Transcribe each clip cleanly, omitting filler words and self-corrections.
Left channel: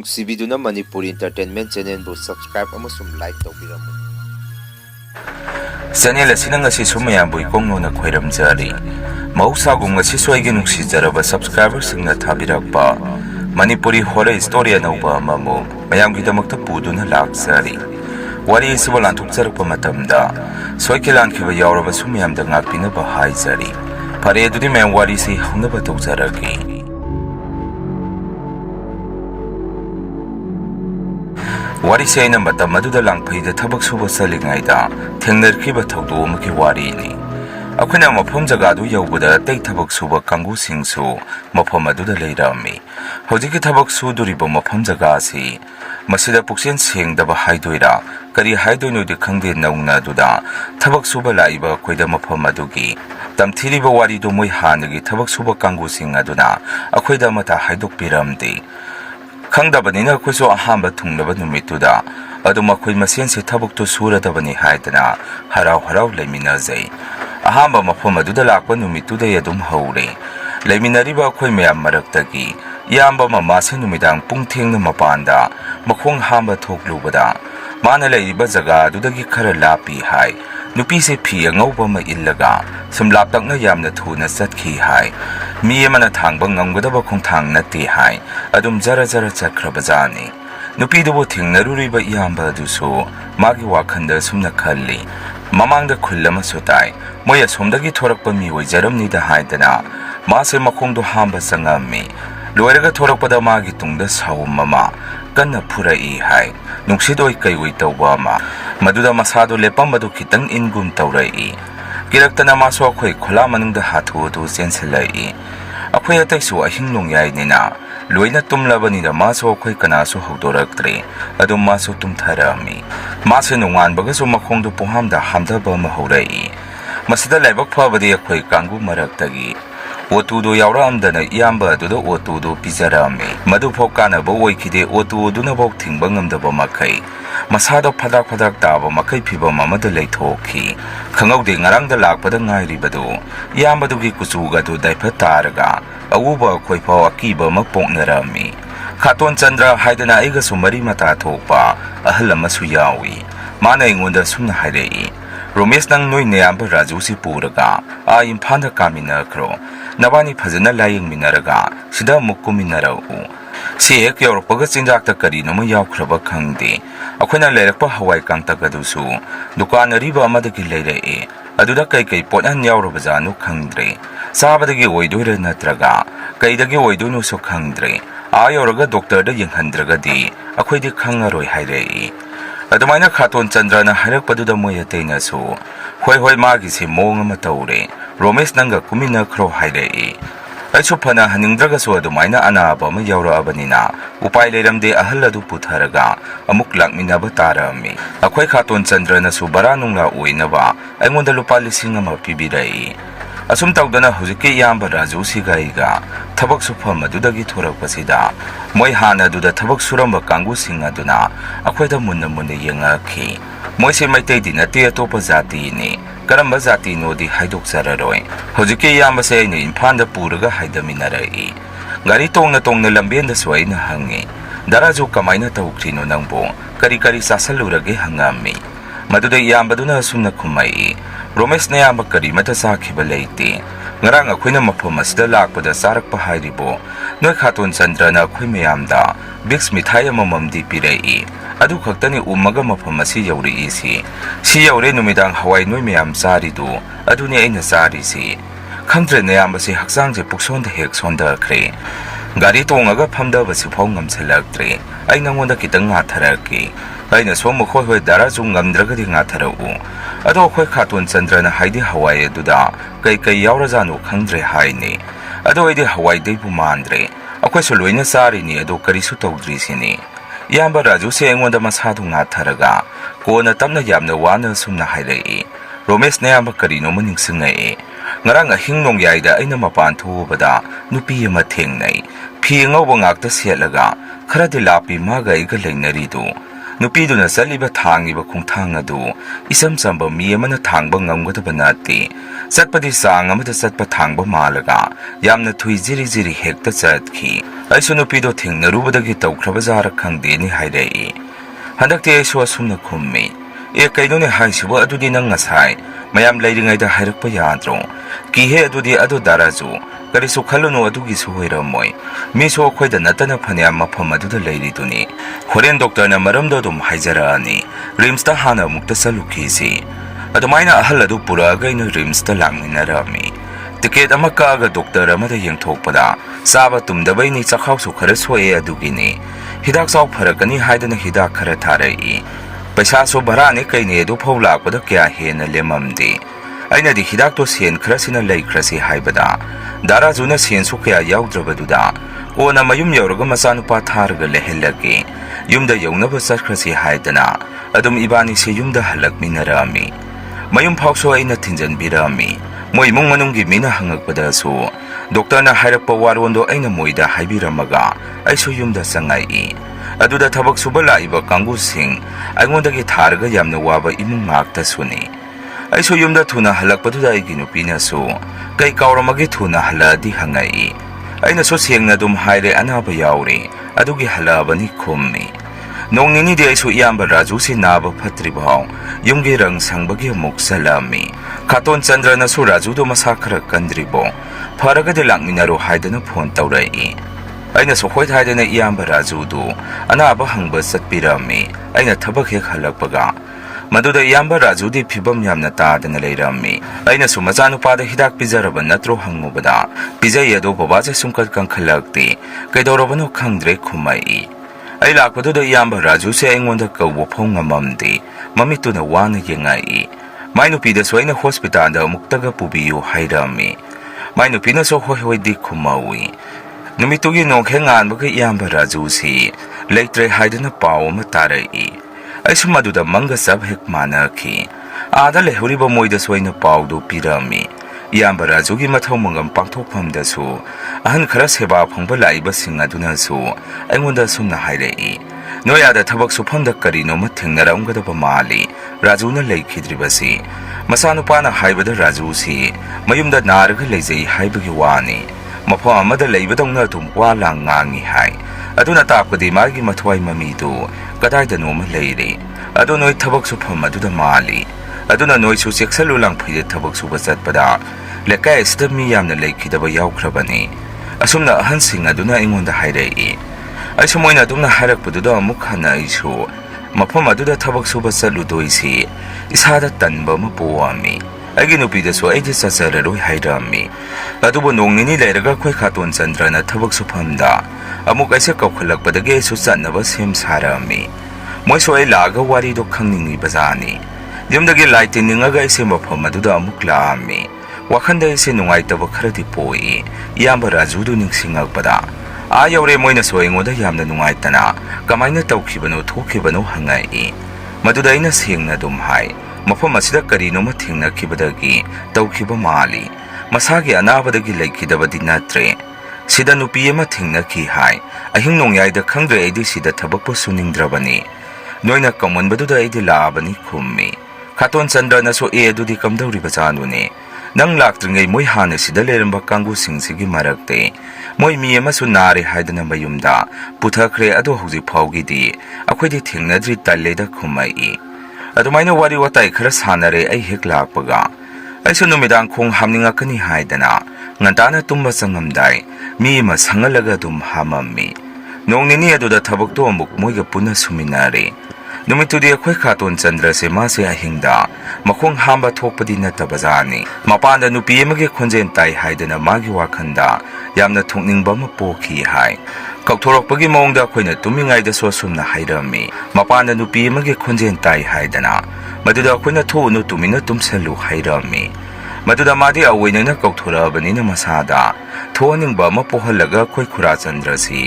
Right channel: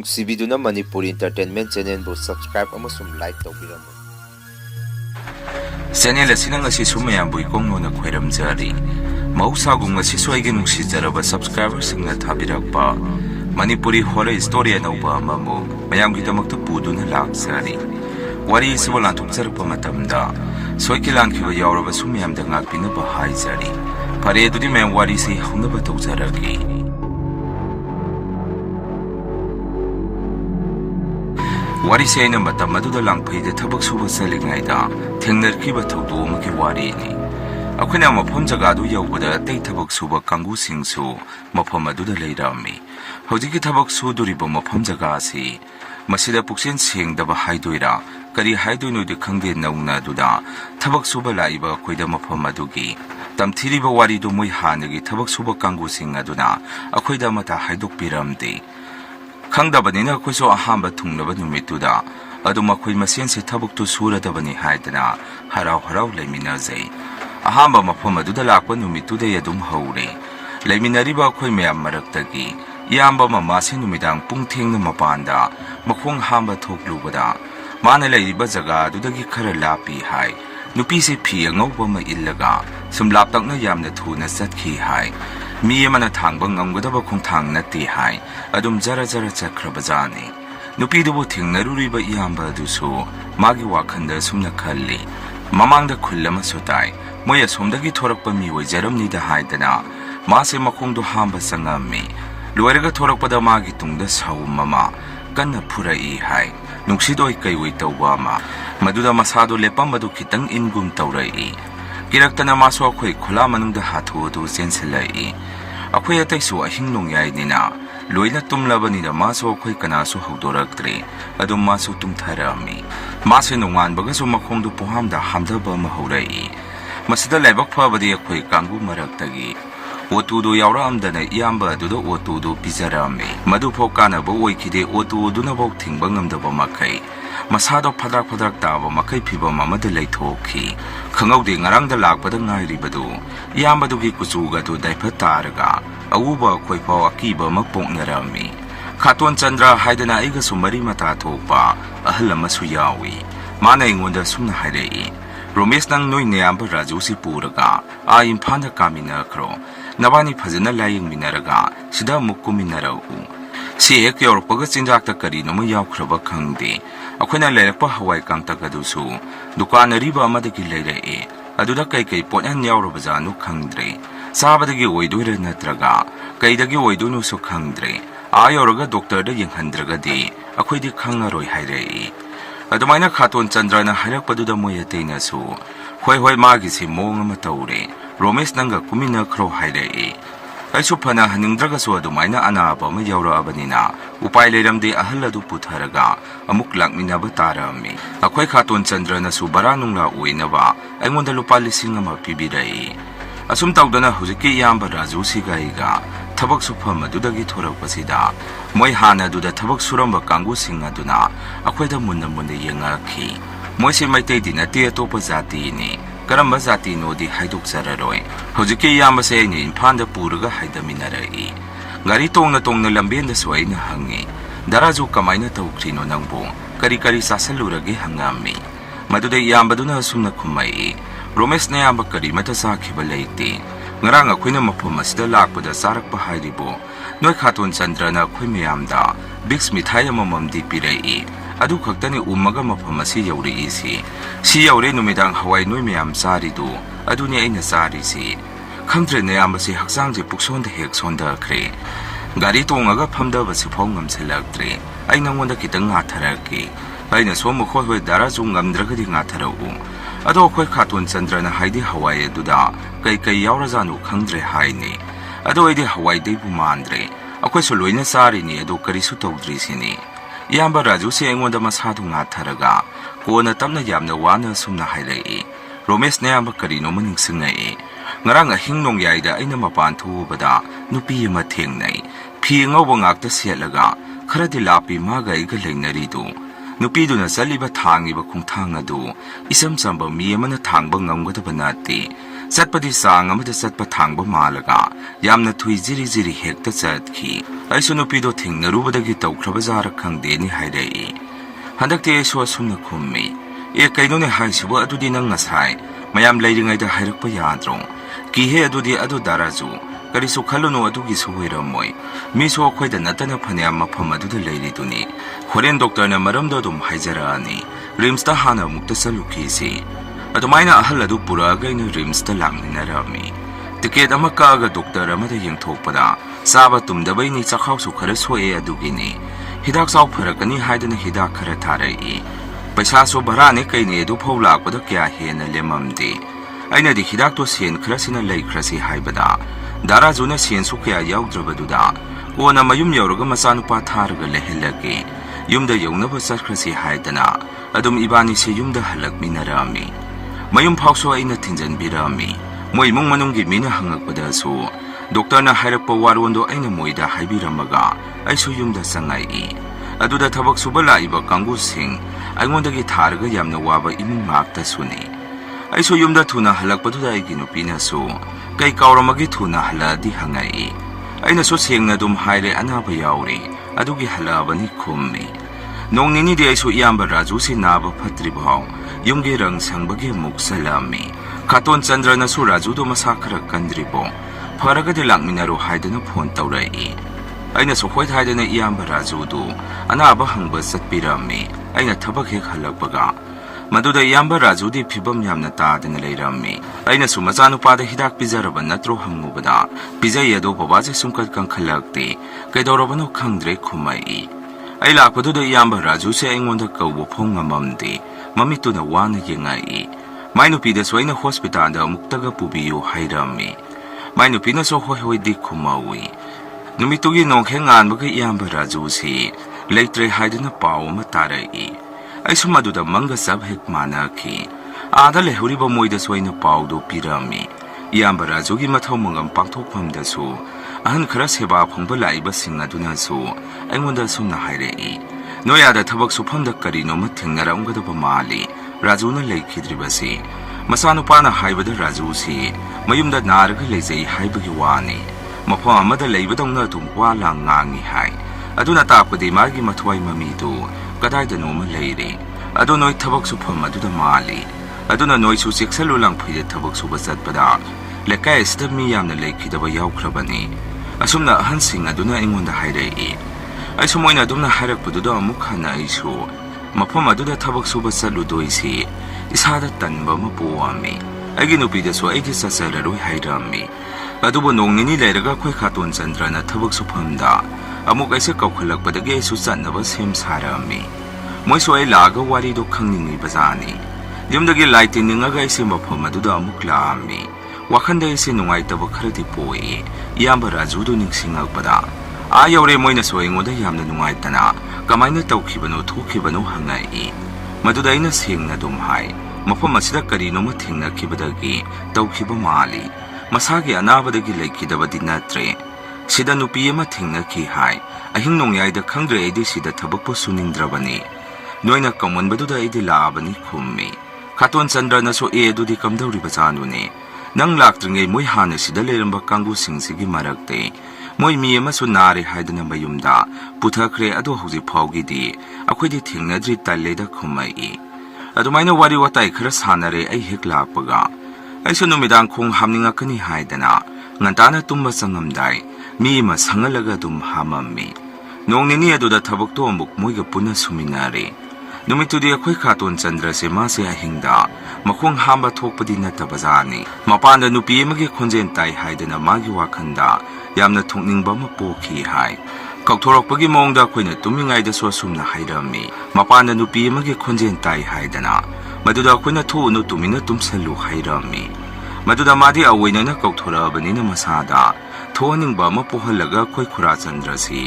ꯅꯨꯡꯁꯤꯕꯤꯗꯨꯅ Manipuri entertainment ꯆꯦꯅꯦꯜꯕꯨ subscribe ꯑꯃꯁꯨꯡ like ꯇꯧꯕꯤꯔꯝꯃꯨ꯫ Channel ꯑꯁꯤꯅ ꯉꯁꯤꯁꯨ ꯃꯌꯥꯝꯕꯨ ꯏꯀꯣꯡꯅꯣꯅ ꯈꯣꯏꯔꯝꯖꯔꯤ꯫ ꯃꯍꯧꯁꯥꯒꯨꯝ ꯉꯁꯤꯁꯨ ꯑꯩꯒꯤ ꯅꯨꯡꯁꯤꯖꯔꯕ ꯁꯕꯁꯀ꯭ꯔꯥꯏꯕꯔꯁꯤꯡꯅ ꯊꯥꯕꯤꯔꯛꯄ ꯃꯅꯤꯄꯨꯔꯤ ꯍꯣꯔꯔ ꯁ꯭ꯇꯣꯔꯤ ꯑꯅꯧꯕ ꯑꯃꯃꯨꯛ ꯃꯌꯥꯝꯒꯤꯗꯃꯛꯇ ꯄꯨꯗꯨꯅ ꯂꯥꯛꯆꯔꯤ꯫ ꯋꯥꯔꯤ ꯑꯁꯤꯕꯨ ꯂꯥꯟꯊꯣꯛꯆꯔꯛꯄ ꯃꯇꯝꯗ ꯁꯣꯏꯈꯤ ꯂꯥꯟꯈꯤꯕ ꯌꯥꯎꯔꯕꯁꯨ ꯃꯌꯥꯝꯗ ꯉꯥꯛꯄꯤꯅꯕ ꯍꯥꯏꯖꯔꯤ꯫ ꯐꯔꯦ ꯑꯗꯨꯗꯤ ꯃꯌꯥꯝ ꯋꯥꯔꯤꯁꯤ ꯍꯧꯅꯕ ꯇꯧꯖꯔꯒꯦ꯫ ꯋꯥꯔꯤꯁꯦ ꯑꯩꯅ ꯃꯇꯝ ꯑꯗꯨꯗ ꯂꯥꯡꯐꯩꯗ ꯊꯕꯛ ꯁꯨꯕ ꯆꯠꯂꯤꯉꯩꯗ ꯊꯦꯡꯅꯔꯛꯈꯤꯕ ꯊꯧꯗꯣꯛ ꯑꯃꯒꯤ ꯋꯥꯔꯤꯅꯤ꯫ ꯑꯩꯈꯣꯏꯅ ꯃꯐꯝ ꯖꯒꯥꯗꯨ ꯌꯧꯕꯗ ꯑꯇꯩ ꯊꯕꯛ ꯁꯨꯕ ꯀꯥꯡꯕꯨꯁꯤꯡꯁꯨ ꯃꯐꯝ ꯑꯗꯨꯗ ꯂꯩꯔꯝꯃꯤ꯫ ꯍꯧꯖꯤꯛꯀꯤ ꯊꯕꯛ ꯁꯨꯗꯣꯔꯤꯕ ꯃꯐꯝ ꯖꯒꯥ ꯑꯁꯤ ꯃꯁꯤꯗ ꯄꯨꯛꯆꯦꯜ ꯁꯦꯡꯗꯕ ꯍꯥꯏꯗꯣꯏꯔꯥ ꯀꯔꯤ ꯍꯥꯏꯗꯣꯏꯅꯣꯗꯤ ꯈꯪꯗꯦ, ꯅꯧꯅ ꯑꯗꯨꯗ ꯊꯕꯛ ꯁꯨꯕ ꯂꯥꯛꯏꯕ ꯑꯩꯈꯣꯏꯗ ꯃꯐꯝ ꯑꯗꯨꯒꯤ ꯇꯝꯊꯤꯔꯤꯕ ꯋꯥꯔꯤꯗꯨ ꯃꯣꯏ ꯍꯥꯟꯅꯒꯤ ꯊꯕꯛ ꯁꯨꯕ ꯀꯥꯡꯕꯨꯁꯤꯡ ꯑꯗꯨꯅ ꯑꯩꯈꯣꯏꯗ ꯑꯃꯠꯇ ꯍꯥꯏꯗꯣꯛꯄꯤꯔꯝꯗꯦ꯫ ꯈꯪꯗꯕꯅꯤꯅ ꯑꯩꯈꯣꯏꯁꯨ ꯑꯍꯥꯟꯕ ꯊꯨꯡꯂꯕ ꯅꯨꯃꯤꯠꯇꯨꯗ ꯑꯗꯨꯝ ꯑꯩꯈꯣꯏ ꯃꯁꯦꯟꯁꯦ ꯊꯕꯛꯇꯨ ꯁꯨꯔꯗꯕꯅꯤ ꯍꯥꯏꯗꯅ ꯍꯔꯥꯎ ꯍꯔꯥꯎ ꯂꯩꯃꯤꯟꯅꯖꯩ꯫ ꯑꯍꯥꯟꯕ ꯃꯐꯝ ꯑꯗꯨꯗ ꯂꯥꯛꯄ ꯅꯨꯃꯤꯠꯇꯨꯗꯩ ꯑꯗꯨꯝ ꯍꯧꯔꯦ꯫ ꯂꯩꯃꯤꯟꯅꯔꯤꯕ ꯑꯩꯈꯣꯏ ꯃꯌꯥꯝ ꯃꯔꯛꯇꯒꯤ ꯏꯌꯥꯝꯕ ꯑꯃ ꯃꯥꯁꯦ ꯅꯨꯃꯤꯗꯥꯡ ꯄꯨꯡ ꯊꯦꯡꯅ ꯃꯄꯥꯟꯗ ꯃꯈꯣꯡ ꯍꯥꯝꯕ ꯊꯣꯛꯂꯨꯕꯗ ꯃꯥꯅ ꯂꯩꯔꯤꯕ ꯖꯒꯥ ꯑꯗꯨꯗꯒꯤ ꯈꯔ ꯂꯥꯞꯄꯤ ꯍꯥꯏ ꯅꯨꯄꯤꯁꯦ ꯐꯤ ꯑꯉꯧꯕ ꯑꯃ ꯏꯜꯂꯒ ꯁꯨꯝ ꯂꯥꯞꯇꯛꯅ ꯌꯥꯝꯅ ꯊꯨꯅ ꯆꯠꯈꯤ ꯍꯥꯏ꯫ ꯃꯤ ꯑꯃꯅ ꯊꯥꯡꯕ ꯉꯝꯒꯗꯕ ꯈꯣꯡꯊꯥꯡ ꯅꯠꯇꯦ ꯍꯥꯏ, ꯑꯗꯨꯝ ꯖꯔ ꯖꯔ ꯆꯠꯈ꯭ꯔꯕꯖꯥꯠꯅꯤ꯫ ꯅꯨꯄꯤꯗꯨꯕꯨ ꯊꯦꯡꯅꯔꯨꯔꯤꯕ ꯏꯌꯥꯝꯕ ꯑꯗꯨꯁꯨ ꯃꯥꯒꯤ ꯋꯥꯈꯜꯗ ꯁꯨꯝꯅ ꯈꯜꯂꯤ, ꯃꯃꯥꯡꯗ ꯈꯨꯜ ꯑꯃꯁꯨ ꯇꯥꯏ, ꯃꯣꯏ ꯑꯁꯣꯝꯗꯒꯤ ꯊꯣꯔꯛꯄ ꯃꯤ ꯑꯣꯏꯖꯔꯝꯅꯤꯗ ꯍꯥꯏꯗꯅ ꯃꯥꯁꯦ ꯃꯈꯣꯡꯗꯣ ꯍꯥꯝꯕ ꯆꯪꯉꯝꯃꯤ꯫ ꯂꯣꯏꯔꯒ ꯊꯣꯔꯛꯄꯗ ꯃꯥꯒꯤ ꯇꯨꯡꯗ ꯁꯥꯎꯝ ꯑꯃ ꯀꯟꯅ ꯐꯨꯔꯛꯏ ꯍꯥꯏ, ꯅꯨꯡꯁꯤꯠ ꯑꯣꯏ ꯀꯩ ꯑꯣꯏ ꯇꯧꯕ ꯑꯃ, ꯃꯗꯨꯗ ꯃꯁꯥꯗꯣ ꯂꯦꯞꯄꯝꯕꯗꯨ ꯈꯤꯇꯪ ꯏꯟꯒꯨꯝ ꯇꯧꯔꯛꯏ꯫ ꯀꯤꯔꯛꯇꯅ ꯃꯥꯁꯨ ꯑꯩꯈꯣꯏ ꯈꯣꯂꯥ ꯃꯅꯨꯡꯗ ꯍꯥꯊꯨ ꯍꯥꯊꯨ ꯆꯦꯟꯁꯤꯜꯂꯛꯏ꯫ ꯑꯩꯈꯣꯏ ꯑꯇꯩꯁꯨ ꯑꯍꯤꯡ ꯅꯣꯡꯌꯥꯏꯅꯤꯅ ꯂꯣꯏꯅ ꯇꯨꯝꯂꯕꯅꯤꯅ ꯃꯥꯁꯨ ꯑꯩꯈꯣꯏ ꯀꯅꯥꯁꯨ ꯍꯧꯗꯣꯔꯛꯇ꯭ꯔꯦ, ꯑꯗꯨꯝ ꯃꯥꯁꯨ ꯇꯨꯝꯊꯔꯝꯃꯤ꯫ ꯃꯥꯁꯦ ꯅꯣꯡꯉꯥꯟꯕꯒꯁꯨ ꯃꯈꯣꯡꯗꯨ ꯄꯨꯡꯍꯥꯝꯗ ꯍꯥꯝꯊꯕ ꯑꯃ ꯍꯧꯔꯛꯏ꯫ ꯃꯁꯤꯗ ꯂꯥꯏꯕꯛ ꯐꯕꯗꯤ ꯑꯩꯈꯣꯏ ꯀꯥꯡꯕꯨ ꯃꯔꯛꯇꯒꯤ ꯑꯣꯇꯨꯗꯣ ꯌꯥꯎꯔꯛꯑꯝꯗꯅ ꯏꯌꯥꯝꯕ ꯑꯗꯨꯗ ꯑꯣꯇꯨꯗꯣ ꯄꯤꯖꯔꯝꯃꯤ꯫ ꯃꯗꯨꯐꯥꯎ ꯀꯥꯟꯅꯕ ꯑꯣꯏꯈꯤꯗꯦ꯫ ꯑꯣꯇꯨ ꯑꯗꯨꯅꯐꯥꯎ ꯊꯤꯡꯕ ꯉꯝꯗꯕ ꯃꯈꯩ, ꯃꯁꯥꯗꯣ ꯐꯗ꯭ꯔꯥꯛ ꯐꯗ꯭ꯔꯥꯛ ꯇꯥꯕ ꯃꯈꯩ ꯐꯤꯕꯝ ꯑꯃꯗ ꯂꯩꯊꯣꯛꯈꯤ꯫ ꯈꯪꯍꯧꯗꯦ ꯉꯔꯥꯡꯗ ꯂꯥꯛꯄꯗ ꯉꯥꯏꯔꯤꯕꯗꯨ ꯏꯌꯥꯝꯕꯗꯨꯒꯤ ꯀꯨꯆꯨꯒꯗꯨ ꯗꯥꯏꯐꯠ ꯇꯥꯔꯒ ꯑꯎꯕ ꯑꯩꯈꯣꯏꯐꯥꯎ ꯑꯀꯤꯕ ꯑꯃ ꯄꯣꯛꯅꯔꯝꯃꯤ꯫ ꯈꯥꯇꯣꯟ ꯆꯟꯗ꯭ꯔ ꯍꯥꯏꯗꯅ ꯑꯩꯒꯁꯨ ꯃꯔꯤ ꯃꯇꯥ ꯊꯣꯛꯄ ꯑꯍꯜ ꯑꯃꯁꯨ ꯌꯥꯎꯏ꯫ ꯃꯥꯅ ꯑꯩꯉꯣꯟꯗ ꯁꯨꯝꯅ ꯍꯥꯏꯔꯛꯏ, ꯔꯣꯃꯦꯁ, ꯅꯪ ꯅꯣꯏ ꯅꯌꯥꯝꯕ ꯔꯥꯖꯨꯁꯤ ꯄꯨꯔꯒ ꯏꯝꯐꯥꯜꯗ ꯀꯥꯃꯤꯟꯅꯈ꯭ꯔꯣ, ꯅꯕꯥꯅꯤ ꯐꯖꯅ ꯂꯥꯌꯦꯡꯃꯤꯟꯅꯔꯒ ꯁꯤꯗ ꯑꯃꯨꯛ ꯀꯨꯝꯃꯤꯟꯅꯔꯛꯎ꯫ ꯁꯤ ꯍꯦꯛ ꯌꯧꯔꯛꯄꯒ ꯆꯤꯟꯖꯥꯛꯇ ꯀꯔꯤꯅꯣꯃ ꯌꯥꯎꯈ꯭ꯔꯕ ꯈꯪꯗꯦ, ꯑꯩꯈꯣꯏꯅ ꯂꯩꯔꯛꯄ ꯍꯋꯥꯏ ꯀꯥꯡꯇꯛ ꯑꯗꯨꯁꯨ ꯗꯨꯀꯥꯟ ꯑꯔꯤꯕ ꯑꯃꯗꯒꯤ ꯂꯩꯔꯛꯑꯦ꯫ ꯑꯗꯨꯗ ꯀꯩꯀꯩ ꯄꯣꯠꯌꯥꯟ ꯌꯥꯎꯔꯕꯖꯥꯠꯅꯣ ꯈꯪꯗ꯭ꯔꯦ, ꯆꯥꯕꯗꯒꯤ ꯑꯣꯏꯗꯣꯏꯔꯥ ꯅꯠꯇ꯭ꯔꯒ ꯀꯩꯗꯒꯤ ꯑꯣꯏꯗꯣꯏꯅꯣꯁꯨ ꯈꯪꯗ꯭ꯔꯦ꯫ ꯌꯧꯔꯒ ꯗꯣꯛꯇꯔꯗ ꯌꯦꯡꯍꯟꯗ꯭ꯔꯒꯗꯤ ꯑꯩꯈꯣꯏꯗꯤ ꯈꯪꯉꯔꯣꯏ ꯍꯥꯏꯔꯛꯏ꯫ ꯑꯗꯨꯃꯥꯏꯅ ꯈꯥꯇꯣꯟ ꯆꯟꯗ꯭ꯔꯅ ꯍꯥꯏꯔꯛꯄꯗꯨꯗ ꯃꯣꯏ ꯑꯇꯩꯅꯁꯨ ꯍꯣꯏ ꯍꯣꯏ ꯃꯥꯒꯤꯁꯤ ꯃꯑꯣꯡ ꯑꯃ ꯇꯧꯔꯦ, ꯔꯣꯃꯦꯁ ꯅꯪꯒ ꯀꯨꯝꯃꯤꯟꯅꯈ꯭ꯔꯣ ꯍꯥꯏꯔꯛꯏ꯫ ꯑꯩꯁꯨ ꯐꯅ ꯍꯟꯅꯤꯡꯗ꯭ꯔꯒꯁꯨ ꯑꯗꯨꯃꯥꯏꯅ ꯑꯅꯥꯕ ꯑꯃ ꯌꯥꯎꯔꯛꯑꯕꯅꯤꯅ ꯎꯄꯥꯏ ꯂꯩꯔꯝꯗꯦ, ꯑꯍꯜ ꯑꯗꯨ ꯄꯨꯊꯔꯒ ꯑꯃꯨꯛ ꯂꯥꯛꯃꯤꯟꯅꯕ ꯇꯥꯔꯝꯃꯤ꯫ ꯑꯩꯈꯣꯏ ꯈꯥꯇꯣꯟ ꯆꯟꯗ꯭ꯔꯅꯁꯨ ꯕꯔꯥ ꯅꯨꯡꯂꯥ ꯑꯣꯏꯅꯕ ꯑꯩꯉꯣꯟꯗ ꯂꯨꯄꯥ 1,000 ꯄꯤꯕꯤꯔꯛꯏ꯫ ꯑꯁꯨꯝ ꯇꯧꯗꯅ ꯍꯧꯖꯤꯛꯀꯤ ꯏꯌꯥꯝꯕ ꯔꯥꯖꯨꯁꯤꯒ ꯑꯩꯒ ꯊꯕꯛ ꯁꯨꯐꯝ ꯑꯗꯨꯗꯒꯤ ꯊꯣꯔꯛꯄꯁꯤꯗ ꯃꯣꯏ ꯍꯥꯟꯅ ꯑꯗꯨꯗ ꯊꯕꯛ ꯁꯨꯔꯝꯕ ꯀꯥꯡꯕꯨꯁꯤꯡ ꯑꯗꯨꯅ ꯑꯩꯈꯣꯏꯗ ꯃꯨꯟꯅ ꯃꯨꯟꯅ ꯌꯦꯡꯉꯛꯈꯤ꯫ ꯃꯣꯏꯁꯦ ꯃꯩꯇꯩꯗꯤ ꯅꯠꯇꯦ, ꯑꯇꯣꯞꯄ ꯖꯥꯇꯤꯅꯤ꯫ ꯀꯔꯝꯕ ꯖꯥꯇꯤꯅꯣꯗꯤ ꯍꯥꯏꯗꯣꯛꯆꯔꯔꯣꯏ꯫ ꯍꯧꯖꯤꯛꯀꯤ ꯏꯌꯥꯝꯕꯁꯦ ꯑꯩꯅ ꯏꯝꯐꯥꯜꯗ ꯄꯨꯔꯒ ꯍꯥꯏꯗꯃꯤꯟꯅꯔꯛꯏ꯫ ꯒꯥꯔꯤ ꯇꯣꯡꯅ ꯇꯣꯡꯅ ꯂꯝꯕꯦꯟꯗꯁꯨ ꯑꯩꯅ ꯍꯪꯉꯤ, ꯗꯥꯔꯥꯖꯨ ꯀꯃꯥꯏꯅ ꯇꯧꯈ꯭ꯔꯤꯅꯣ ꯅꯪꯕꯨ, ꯀꯔꯤ ꯀꯔꯤ ꯆꯥꯁꯜꯂꯨꯔꯒꯦ ꯍꯪꯉꯝꯃꯤ꯫ ꯃꯗꯨꯗ ꯏꯌꯥꯝꯕꯗꯨꯅ ꯑꯁꯨꯝꯅ ꯈꯨꯝꯃꯛꯏ, ꯔꯣꯃꯦꯁ ꯅꯌꯥꯝꯕ ꯀꯔꯤꯃꯠꯇ ꯆꯥꯈꯤꯕ ꯂꯩꯇꯦ꯫ ꯉꯔꯥꯡ ꯑꯩꯈꯣꯏꯅ ꯃꯐꯝ ꯑꯁꯤꯗ ꯂꯥꯛꯄꯗ ꯆꯥꯔꯛꯄ ꯍꯥꯏꯔꯤꯕꯣ, ꯅꯣꯏ ꯈꯥꯇꯣꯟ ꯆꯟꯗ꯭ꯔꯅ ꯑꯩꯈꯣꯏ ꯃꯌꯥꯝꯗ ꯕꯤꯛꯁ ꯃꯤꯊꯥꯏ ꯑꯃꯃꯝꯗꯤ ꯄꯤꯔꯛꯏ꯫ ꯑꯗꯨ ꯈꯛꯇꯅꯤ ꯎꯝꯃꯒ ꯃꯐꯝ ꯑꯁꯤ ꯌꯧꯔꯛꯏꯁꯤ꯫ ꯁꯤ ꯌꯧꯔꯦ ꯅꯨꯃꯤꯗꯥꯡ ꯍꯋꯥꯏ ꯅꯣꯏ ꯃꯌꯥꯝ ꯆꯥꯔꯤꯗꯨ ꯑꯗꯨꯅꯤ ꯑꯩꯅ ꯆꯥꯔꯤꯁꯤ꯫ ꯈꯪꯗ꯭ꯔꯦ ꯅꯌꯥꯝꯕꯁꯤ ꯍꯛꯆꯥꯡꯁꯦ ꯄꯨꯛꯁꯣꯟꯗ ꯍꯦꯛ ꯁꯣꯟꯊꯈ꯭ꯔꯦ, ꯒꯥꯔꯤ ꯇꯣꯡꯉꯒ ꯐꯝꯗꯕꯁꯤꯐꯥꯎ ꯉꯝꯁꯤꯜꯂꯛꯇ꯭ꯔꯦ꯫ ꯑꯩ ꯅꯉꯣꯟꯗ ꯈꯤꯇꯪ ꯉꯥꯊꯔꯛꯀꯦ꯫ ꯑꯩꯅ ꯁꯣꯝ ꯍꯣꯏ ꯍꯣꯏ ꯗꯥꯔꯥꯖꯨ ꯉꯝꯗ꯭ꯔꯒꯗꯤ ꯉꯥꯊꯔꯛꯎ꯫ ꯑꯗꯣ ꯑꯩꯈꯣꯏ ꯈꯥꯇꯣꯟ ꯆꯟꯗ꯭ꯔꯅ ꯍꯥꯏꯗꯤ ꯍꯋꯥꯏ ꯑꯗꯨꯗ ꯀꯩꯀꯩ ꯌꯥꯎꯔꯖꯥꯠꯅꯣ ꯈꯪꯗ꯭ꯔꯦ ꯍꯥꯏꯅꯤ꯫ ꯑꯗꯣ ꯑꯩꯗꯤ ꯍꯋꯥꯏꯗꯩꯕꯨ ꯃꯥꯟꯗ꯭ꯔꯦ, ꯑꯩꯈꯣꯏꯁꯨ ꯂꯣꯏꯅ ꯆꯥꯔꯤꯅꯤ, ꯑꯗꯣ ꯀꯔꯤꯁꯨ ꯇꯧꯗ꯭ꯔꯤꯁꯤꯅꯤ꯫ ꯏꯌꯥꯝꯕ ꯔꯥꯖꯨꯁꯦ ꯑꯩꯉꯣꯟꯗ ꯃꯁꯥꯗꯨ ꯉꯥꯊꯔꯒ ꯀꯣꯟꯅ ꯇꯞꯅ ꯌꯥꯝꯅ ꯋꯥꯅ ꯁꯨꯝꯅ ꯍꯥꯏꯔꯛꯏ, ꯔꯣꯃꯦꯁ ꯅꯌꯥꯝꯕ ꯀꯔꯤꯅꯣꯃ ꯅꯤꯡꯁꯤꯡꯉꯛꯏ꯫ ꯉꯔꯥꯡ ꯑꯍꯤꯡ ꯅꯣꯡꯌꯥꯏꯗ ꯑꯩꯅ ꯃꯄꯥꯟ ꯊꯣꯛꯎꯕꯗ ꯅꯨꯄꯤ ꯑꯃ ꯊꯦꯡꯅꯩ, ꯐꯤ ꯑꯉꯧꯕ ꯉꯥꯛꯇ ꯁꯦꯠꯂꯒ, ꯈꯔꯗꯤ ꯂꯥꯞꯄꯤ ꯃꯥꯒ ꯑꯩꯒ ꯂꯩꯅꯔꯤꯗꯨ꯫ ꯅꯨꯄꯤꯗꯨꯅ ꯆꯠꯂꯤꯕ ꯊꯥꯡꯉꯤꯕ ꯈꯣꯡꯊꯥꯡ ꯑꯗꯨ ꯏꯆꯝ ꯆꯝꯕ ꯃꯤ ꯑꯃꯅ ꯊꯥꯡꯕ ꯉꯝꯒꯗꯕ ꯅꯠꯇꯦ꯫ ꯆꯠꯄꯗꯤ ꯆꯥꯡ ꯑꯃꯗ ꯆꯠꯄ ꯊꯥꯡꯕ ꯃꯥꯜꯂꯒ ꯌꯥꯝꯅ ꯊꯨꯏ, ꯖꯤꯔꯤ ꯖꯤꯔꯤ ꯍꯦꯛꯇ ꯆꯠꯈꯤ꯫ ꯑꯩꯁꯨ ꯅꯨꯄꯤꯗꯣ ꯊꯦꯡꯅꯔꯨꯕꯗꯒꯤ ꯇꯧꯈ꯭ꯔꯕꯖꯥꯔ ꯈꯪꯗꯦꯅꯤ ꯍꯥꯏꯔꯛꯏ꯫ ꯍꯟꯗꯛꯇꯤ ꯑꯩꯁꯨ ꯑꯁꯨꯝꯅ ꯈꯨꯝꯃꯤ, "ꯑꯦ ꯀꯩꯅꯣꯅꯦ ꯍꯥꯏꯁꯤꯕꯨ, ꯑꯗꯨꯗꯤ ꯅꯪ ꯉꯁꯥꯏ ꯃꯌꯥꯝ ꯂꯩꯔꯤꯉꯩꯗ ꯍꯥꯏꯔꯛꯄ ꯌꯥꯗ꯭ꯔꯣ? ꯀꯤꯍꯦ ꯑꯗꯨꯗꯤ ꯑꯗꯨ ꯗꯥꯔꯥꯖꯨ, ꯀꯔꯤꯁꯨ ꯈꯜꯂꯨꯅꯨ, ꯑꯗꯨꯒꯤꯁꯨ ꯑꯣꯏꯔꯝꯃꯣꯏ꯫ ꯃꯤꯁꯨ ꯑꯩꯈꯣꯏꯗ ꯅꯠꯇꯅ ꯐꯅꯌꯥꯝ ꯃꯐꯝ ꯑꯗꯨꯗ ꯂꯩꯔꯤꯗꯨꯅꯤ꯫ ꯍꯣꯔꯦꯟ ꯗꯣꯛꯇꯔꯅ ꯃꯔꯝꯗꯣ ꯑꯗꯨꯝ ꯍꯥꯏꯖꯔꯛꯑꯅꯤ꯫ ꯔꯤꯝꯁꯇ ꯍꯥꯟꯅ ꯑꯃꯨꯛꯇ ꯆꯠꯂꯨꯈꯤꯁꯤ." ꯑꯗꯨꯃꯥꯏꯅ ꯑꯍꯜ ꯑꯗꯨ ꯄꯨꯔꯛꯑꯒ ꯑꯩꯅ ꯔꯤꯝꯁꯇ ꯂꯥꯛꯃꯤꯟꯅꯔꯝꯃꯤ꯫ ꯇꯤꯀꯦꯠ ꯑꯃ ꯀꯛꯑꯒ ꯗꯣꯛꯇꯔ ꯑꯃꯗ ꯌꯦꯡꯊꯣꯛꯄꯗ ꯆꯥꯕ ꯇꯨꯝꯗꯕꯩꯅꯤ, ꯆꯈꯥꯎꯁꯨ ꯈꯔ ꯁꯣꯛꯑꯦ ꯑꯗꯨꯒꯤꯅꯤ꯫ ꯍꯤꯗꯥꯛ ꯆꯥꯎ ꯐꯔꯛꯀꯅꯤ ꯍꯥꯏꯗꯅ ꯍꯤꯗꯥꯛ ꯈꯔ ꯊꯥꯔꯛꯏ꯫ ꯄꯩꯁꯥꯁꯨ ꯚꯔꯥꯅꯤ ꯀꯩꯅꯤ ꯑꯗꯨꯐꯥꯎ ꯂꯥꯛꯄꯗ ꯀꯌꯥ ꯍꯦꯟꯅ ꯂꯦꯝꯃꯝꯗꯦ꯫ ꯑꯩꯅꯗꯤ ꯍꯤꯗꯥꯛꯇꯣ ꯁꯦꯟ ꯈꯔꯁꯤꯅ ꯂꯩꯈ꯭ꯔꯁꯤ ꯍꯥꯏꯕꯗ ꯗꯥꯔꯥꯖꯨꯅ ꯁꯦꯟꯁꯨ ꯀꯌꯥ ꯌꯥꯎꯗ꯭ꯔꯕꯗꯨꯗ ꯀꯣꯟꯅ ꯃꯌꯨꯝ ꯌꯧꯔꯒ ꯃꯆꯥꯅꯨꯄꯥ ꯊꯥꯔꯒ ꯂꯩꯍꯜꯂꯒꯦ, ꯌꯨꯝꯗ ꯌꯧꯅꯕ ꯆꯠꯈ꯭ꯔꯁꯤ ꯍꯥꯏꯗꯅ ꯑꯗꯨꯝ ꯏꯕꯥꯅꯤꯁꯦ ꯌꯨꯝꯗ ꯍꯜꯂꯛꯃꯤꯟꯅꯔꯛꯑꯝꯃꯤ꯫ ꯃꯌꯨꯝ ꯐꯥꯎꯁꯨ ꯑꯩꯅ ꯊꯤꯟꯖꯟꯕꯤꯔꯛꯑꯝꯃꯤ꯫ ꯃꯣꯏ ꯏꯃꯨꯡ ꯃꯅꯨꯡꯒꯤ ꯃꯤꯅ ꯍꯪꯉꯛꯄꯗꯁꯨ ꯗꯣꯛꯇꯔꯅ ꯍꯥꯏꯔꯛꯄ ꯋꯥꯔꯣꯜꯗꯣ ꯑꯩꯅ ꯃꯣꯏꯗ ꯍꯥꯏꯕꯤꯔꯝꯃꯒ ꯑꯩꯁꯨ ꯌꯨꯝꯗ ꯆꯪꯉꯛꯏ꯫ ꯑꯗꯨꯗ ꯊꯕꯛ ꯁꯨꯕ ꯂꯥꯛꯏꯕ ꯀꯥꯡꯕꯨꯁꯤꯡ ꯑꯩꯉꯣꯟꯗꯒꯤ ꯊꯥꯔꯒ ꯌꯥꯝꯅ ꯋꯥꯕ ꯏꯃꯨꯡ ꯉꯥꯛꯇꯁꯨꯅꯤ꯫ ꯑꯩꯁꯨ ꯌꯨꯝꯗ ꯊꯨꯅ ꯍꯜꯂꯛꯄꯗꯨꯗ ꯑꯩꯒꯤ ꯅꯨꯄꯤꯅꯁꯨ "ꯀꯩ ꯀꯥꯎꯔꯝꯃꯒꯦ ꯊꯨꯅ ꯍꯜꯂꯛꯑꯗꯤ?" ꯍꯪꯉꯛꯏ꯫ ꯑꯩꯅꯁꯨ ꯁꯦꯡꯅ ꯑꯗꯨꯝ ꯍꯥꯏꯔꯦ, "ꯑꯅꯥꯕ ꯌꯥꯎꯔꯤ, ꯑꯗꯨꯒꯤ ꯍꯜꯂꯛꯑꯕꯅꯤ" ꯈꯨꯝꯃꯤ꯫ ꯅꯣꯡ ꯅꯤꯅꯤꯗꯤ ꯑꯩꯁꯨ ꯏꯌꯥꯝꯕ ꯔꯥꯖꯨꯁꯤ ꯅꯥꯕ ꯐꯠꯇ꯭ꯔꯤꯐꯥꯎ ꯌꯨꯝꯒꯤ ꯔꯪ ꯁꯪꯕꯒꯤ ꯑꯃꯨꯛ ꯆꯠꯂꯛꯑꯝꯃꯤ꯫ ꯈꯥꯇꯣꯟ ꯆꯟꯗ꯭ꯔꯅꯁꯨ ꯔꯥꯖꯨꯗꯣ ꯃꯁꯥ ꯈꯔ ꯀꯟꯗ꯭ꯔꯤꯕꯣ, ꯐꯔꯒꯗꯤ ꯂꯥꯛꯃꯤꯟꯅꯔꯣ ꯍꯥꯏꯗꯅ ꯐꯣꯟ ꯇꯧꯔꯛꯏ꯫ ꯑꯩꯅꯁꯨ ꯍꯣꯏ ꯍꯥꯏꯗꯅ ꯏꯌꯥꯝꯕ ꯔꯥꯖꯨꯗꯨ ꯑꯅꯥꯕ ꯍꯪꯕ ꯆꯠꯄꯤꯔꯝꯃꯤ ꯑꯩꯅ ꯊꯕꯛ ꯍꯦꯛ ꯍꯜꯂꯛꯄꯒ꯫ ꯃꯗꯨꯗ ꯏꯌꯥꯝꯕ ꯔꯥꯖꯨꯗꯤ ꯐꯤꯕꯝ ꯌꯥꯝꯅ ꯇꯥꯗꯅ ꯂꯩꯔꯝꯃꯤ꯫ ꯑꯩꯅꯁꯨ ꯃꯆꯥꯅꯨꯄꯥꯗ ꯍꯤꯗꯥꯛ ꯄꯤꯖꯔꯕ ꯅꯠꯇ꯭ꯔꯣ ꯍꯪꯉꯨꯕꯗ "ꯄꯤꯖꯩ, ꯑꯗꯣ ꯕꯕꯥꯁꯦ ꯁꯨꯡꯀꯟ ꯀꯟꯈꯠꯂꯛꯇꯦ, ꯀꯩꯗꯧꯔꯕꯅꯣ ꯈꯪꯗ꯭ꯔꯦ" ꯈꯨꯝꯃꯛꯏ꯫ ꯑꯩ ꯂꯥꯛꯄꯗꯨꯗ ꯏꯌꯥꯝꯕ ꯔꯥꯖꯨꯁꯦ ꯑꯩꯉꯣꯟꯗ ꯀꯧꯕ ꯐꯥꯎ ꯉꯝꯃꯝꯗꯦ, ꯃꯃꯤꯠꯇꯨꯅ ꯋꯥꯅ ꯌꯦꯡꯉꯛꯏ꯫ ꯃꯥꯏ ꯅꯨꯄꯤꯗꯁꯨ ꯑꯩꯅ ꯍꯣꯁꯄꯤꯇꯥꯜꯗ ꯑꯃꯨꯛꯇꯒ ꯄꯨꯕꯤꯌꯨ ꯍꯥꯏꯔꯝꯃꯤ꯫ ꯃꯥꯏ ꯅꯨꯄꯤꯅꯁꯨ ꯍꯣꯏ ꯍꯣꯏꯗꯤ ꯈꯨꯝꯍꯧꯏ꯫ ꯅꯨꯃꯤꯠꯇꯨꯒꯤ ꯅꯣꯡꯍꯦꯛ ꯉꯥꯟꯕꯒ ꯏꯌꯥꯝꯕ ꯔꯥꯖꯨꯁꯤ ꯂꯩꯇ꯭ꯔꯦ ꯍꯥꯏꯗꯅ ꯄꯥꯎ ꯑꯃ ꯇꯥꯔꯛꯏ꯫ ꯑꯩꯁꯨ ꯃꯗꯨꯗ ꯃꯪꯒ ꯆꯞ ꯍꯦꯛ ꯃꯥꯟꯅꯈꯤ꯫ ꯑꯥꯗ ꯂꯩꯍꯧꯔꯤꯕ ꯃꯣꯏꯗꯁꯨ ꯑꯩꯅ ꯄꯥꯎꯗꯨ ꯄꯤꯔꯝꯃꯤ꯫ ꯏꯌꯥꯝꯕ ꯔꯥꯖꯨꯒꯤ ꯃꯊꯧ ꯃꯉꯝ ꯄꯥꯡꯊꯣꯛꯐꯝꯗꯁꯨ ꯑꯍꯟ ꯈꯔ ꯁꯦꯕꯥ ꯐꯪꯕ ꯂꯥꯛꯏꯕꯁꯤꯡ ꯑꯗꯨꯅꯁꯨ ꯑꯩꯉꯣꯟꯗ ꯑꯁꯨꯝꯅ ꯍꯥꯏꯔꯛꯏ, "ꯅꯣꯏ ꯑꯥꯗ ꯊꯕꯛ ꯁꯨꯐꯝꯗ ꯀꯔꯤꯅꯣꯃ ꯊꯦꯡꯅꯔꯝꯒꯗꯕ ꯃꯥꯜꯂꯤ, ꯔꯥꯖꯨꯅ ꯂꯩꯈꯤꯗ꯭ꯔꯤꯕꯁꯤ꯫ ꯃꯆꯥꯅꯨꯄꯥꯅ ꯍꯥꯏꯕꯗ ꯔꯥꯖꯨꯁꯤ ꯃꯌꯨꯝꯗ ꯅꯥꯔꯒ ꯂꯩꯖꯩ ꯍꯥꯏꯕꯒꯤ ꯋꯥꯅꯤ, ꯃꯐꯝ ꯑꯃꯗ ꯂꯩꯕꯗꯧꯅ ꯑꯗꯨꯝ ꯋꯥ ꯂꯥꯡ ꯉꯥꯡꯉꯤ ꯍꯥꯏ꯫ ꯑꯗꯨꯅ ꯇꯥꯛꯄꯗꯤ ꯃꯥꯒꯤ ꯃꯊ꯭ꯋꯥꯏ ꯃꯃꯤꯗꯨ ꯀꯗꯥꯏꯗꯅꯣꯃ ꯂꯩꯔꯦ꯫ ꯑꯗꯣ ꯅꯣꯏ ꯊꯕꯛ ꯁꯨꯐꯝ ꯑꯗꯨꯗ ꯃꯥꯜꯂꯤ꯫ ꯑꯗꯨꯅ ꯅꯣꯏꯁꯨ ꯆꯦꯛꯁꯜꯂꯨ, ꯂꯥꯡꯐꯩꯗ ꯊꯕꯛ ꯁꯨꯕ ꯆꯠꯄꯗ ꯂꯩꯀꯥꯏ ꯑꯁꯤꯗ ꯃꯤ ꯌꯥꯝꯅ ꯂꯩꯈꯤꯗꯕ ꯌꯥꯎꯈ꯭ꯔꯕꯅꯤ." ꯑꯁꯨꯝꯅ ꯑꯍꯟꯁꯤꯡ ꯑꯗꯨꯅ ꯑꯩꯉꯣꯟꯗ ꯍꯥꯏꯔꯛꯏ꯫ ꯑꯩꯁꯨ ꯃꯣꯏꯅ ꯑꯗꯨꯝꯅ ꯍꯥꯏꯔꯛꯄꯗꯨꯗ ꯑꯃꯨꯛ ꯍꯟꯅ ꯑꯩꯁꯨ ꯃꯐꯝ ꯑꯗꯨꯗ ꯊꯕꯛ ꯁꯨꯕ ꯆꯠꯂꯨꯗꯣꯏꯁꯤ ꯏꯁꯥꯗ ꯇꯟꯕ ꯑꯃ ꯄꯣꯛꯑꯝꯃꯤ꯫ ꯑꯩꯒꯤ ꯅꯨꯄꯤꯗꯁꯨ ꯑꯩꯗꯤ ꯆꯠꯆꯔꯔꯣꯏ ꯍꯥꯏꯔꯝꯃꯤ꯫ ꯑꯗꯨꯕꯨ ꯅꯣꯡ ꯅꯤꯅꯤ ꯂꯩꯔꯒ ꯑꯩꯈꯣꯏ ꯈꯥꯇꯣꯟ ꯆꯟꯗ꯭ꯔꯅ ꯊꯕꯛ ꯁꯨꯐꯝꯗ ꯑꯃꯨꯛ ꯑꯩꯁꯦ ꯀꯧꯈꯠꯂꯛꯄꯗꯒꯤ ꯑꯩꯁꯨ ꯆꯠꯅꯕ ꯁꯦꯝ ꯁꯥꯔꯝꯃꯤ꯫ ꯃꯣꯏꯁꯨ ꯑꯩ ꯂꯥꯛꯑꯒ ꯋꯥꯔꯤꯗꯣ ꯈꯪꯅꯤꯡꯉꯤꯕꯖꯥꯠꯅꯤ꯫ ꯌꯨꯝꯗꯒꯤ ꯂꯥꯏ ꯇꯤꯟꯅꯤꯡꯉꯒ ꯑꯩꯁꯦ ꯃꯐꯝ ꯑꯗꯨꯗ ꯑꯃꯨꯛ ꯂꯥꯛꯑꯝꯃꯤ꯫ ꯋꯥꯈꯟꯗ ꯑꯩꯁꯦ ꯅꯨꯡꯉꯥꯏꯇꯕ ꯈꯔꯗꯤ ꯄꯣꯛꯏ ꯏꯌꯥꯝꯕ ꯔꯥꯖꯨꯗꯨ ꯅꯤꯡꯁꯤꯡꯉꯛꯄꯗ꯫ ꯑꯥ ꯌꯧꯔꯦ ꯃꯣꯏꯅꯁꯨ ꯑꯩꯉꯣꯟꯗ ꯌꯥꯝꯅ ꯅꯨꯡꯉꯥꯏꯇꯅ ꯀꯃꯥꯏꯅ ꯇꯧꯈꯤꯕꯅꯣ ꯊꯣꯛꯈꯤꯕꯅꯣ ꯍꯪꯉꯛꯏ꯫ ꯃꯗꯨꯗ ꯑꯩꯅ ꯁꯦꯡꯅ ꯑꯗꯨꯝ ꯍꯥꯏ, "ꯃꯐꯝ ꯑꯁꯤꯗ ꯀꯔꯤꯅꯣꯃ ꯊꯦꯡꯅꯈꯤꯕꯗꯒꯤ ꯇꯧꯈꯤꯕ ꯃꯥꯜꯂꯤ, ꯃꯁꯥꯒꯤ ꯑꯅꯥꯕꯗꯒꯤ ꯂꯩꯈꯤꯗꯕꯗꯤ ꯅꯠꯇ꯭ꯔꯦ꯫ ꯁꯤꯗ ꯅꯨꯄꯤ ꯑꯃ ꯊꯦꯡꯅꯈꯤ ꯍꯥꯏ, ꯑꯍꯤꯡ ꯅꯣꯡꯌꯥꯏꯗ ꯈꯪꯗ꯭ꯔꯦ ꯑꯩꯗꯤ ꯁꯤꯗ ꯊꯕꯛꯄꯨ ꯁꯨꯅꯤꯡꯗ꯭ꯔꯕꯅꯤ꯫ ꯅꯣꯏꯅ ꯀꯧꯃꯟꯕꯗꯨꯗ ꯑꯩꯗꯤ ꯂꯥꯛꯑꯕꯅꯤ" ꯈꯨꯝꯃꯤ꯫ ꯈꯥꯇꯣꯟ ꯆꯟꯗ꯭ꯔꯅꯁꯨ ꯑꯗꯨꯗꯤ ꯀꯝꯗꯧꯔꯤꯕꯖꯥꯠꯅꯣꯅꯦ, ꯅꯪ ꯂꯥꯛꯇ꯭ꯔꯤꯉꯩ ꯃꯣꯏ ꯍꯥꯟꯅ ꯁꯤꯗ ꯂꯩꯔꯝꯕ ꯀꯥꯡꯕꯨꯁꯤꯡꯁꯤꯒꯤ ꯃꯔꯛꯇ ꯃꯣꯏ ꯃꯤ ꯑꯃꯁꯨ ꯅꯥꯔꯦ ꯍꯥꯏꯗꯅ ꯃꯌꯨꯝꯗ ꯄꯨꯊꯈ꯭ꯔꯦ, ꯑꯗꯣ ꯍꯧꯖꯤꯛ ꯐꯥꯎꯒꯤꯗꯤ ꯑꯩꯈꯣꯏꯗꯤ ꯊꯦꯡꯅꯗ꯭ꯔꯤ, ꯇꯜꯂꯦꯗ ꯈꯨꯝꯃꯛꯏ꯫ ꯑꯗꯨꯃꯥꯏꯅ ꯋꯥꯔꯤ ꯋꯥꯇꯥꯏ ꯈꯔ ꯁꯥꯟꯅꯔꯦ ꯑꯩ ꯍꯦꯛ ꯂꯥꯛꯄꯒ꯫ ꯑꯩꯁꯨ ꯅꯨꯃꯤꯗꯥꯡ ꯈꯣꯡ ꯍꯥꯝꯅꯤꯡꯉꯛꯀꯅꯤ ꯍꯥꯏꯗꯅ ꯉꯟꯇꯥꯅ ꯇꯨꯝꯕ ꯆꯪꯉꯝꯗꯥꯏ ꯃꯤ ꯑꯃ ꯁꯪꯍꯜꯂꯒ ꯑꯗꯨꯝ ꯍꯥꯝꯃꯝꯃꯤ꯫ ꯅꯣꯡ ꯅꯤꯅꯤ ꯑꯗꯨꯗ ꯊꯕꯛꯇꯣ ꯑꯃꯨꯛ ꯃꯣꯏꯒ ꯄꯨꯟꯅ ꯁꯨꯃꯤꯟꯅꯔꯦ꯫ ꯅꯨꯃꯤꯠꯇꯨꯗꯤ ꯑꯩꯈꯣꯏ ꯈꯥꯇꯣꯟ ꯆꯟꯗ꯭ꯔꯁꯦ ꯃꯥꯁꯦ ꯑꯍꯤꯡꯗ ꯃꯈꯣꯡ ꯍꯥꯝꯕ ꯊꯣꯛꯄꯗꯤ ꯅꯠꯇꯕꯖꯥꯠꯅꯤ꯫ ꯃꯄꯥꯟꯗ ꯅꯨꯄꯤ ꯑꯃꯒꯤ ꯈꯣꯟꯖꯦꯜ ताई हाइदना मागी वाखंदा यामना थोकनिंगबा अमा पोखी हाय कौथोरकपगी मौंगदा अखोइना तुमिंगाइदसु असुमना हाइरमी मपानदा नुपी अमगी खोंजेन ताई हाइदना मदुदा अखोइना थोउनु तुमिना तुमसलु हाइरमी मदुदा मादी अवोइनना कौथोरबनिना मसादा थोनिंगबा अमा पोहल्लगा अखोइ खुरा चंद्रसी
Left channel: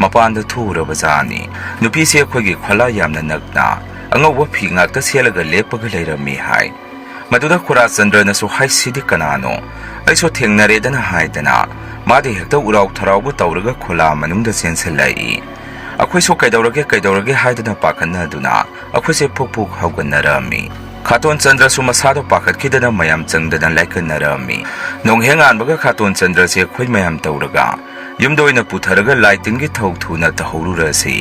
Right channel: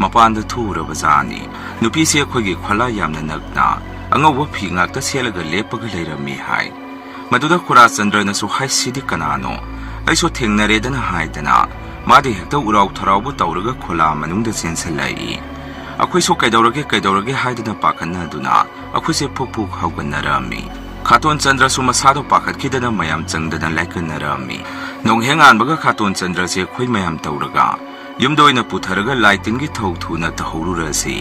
मपानदा थोरबजानी नुपीसे अखोइगी खला यामना नगना अंगौबा फी ngakta selaga lepaga leirami hai मदुदा खुरा चंद्रनसु हाइसिदि कनानो ऐसो थेंगनरेदना हाइदना मादि हेक्ता उराव थरावबु तौरगा खोला मनुंगदा चेंसलाई अखोइसो कैदौरगे हाइदना पाखनदुना अखोइसे फुकफुक हौगनरमी खातोन चंद्रसु मसादो पाखतखिदना मयाम चंगदना लाइकनरमी नोंहेंगानबगा खातोन चंद्रसे अखोइ मयाम तौरगा ꯌꯨꯝꯗ ꯑꯣꯏꯅ ꯄꯨꯊꯔꯒ ꯂꯥꯏꯇꯤꯟꯒꯤ ꯊꯧ ꯊꯨꯅ ꯇꯧꯍꯧꯔꯨꯔꯁꯤ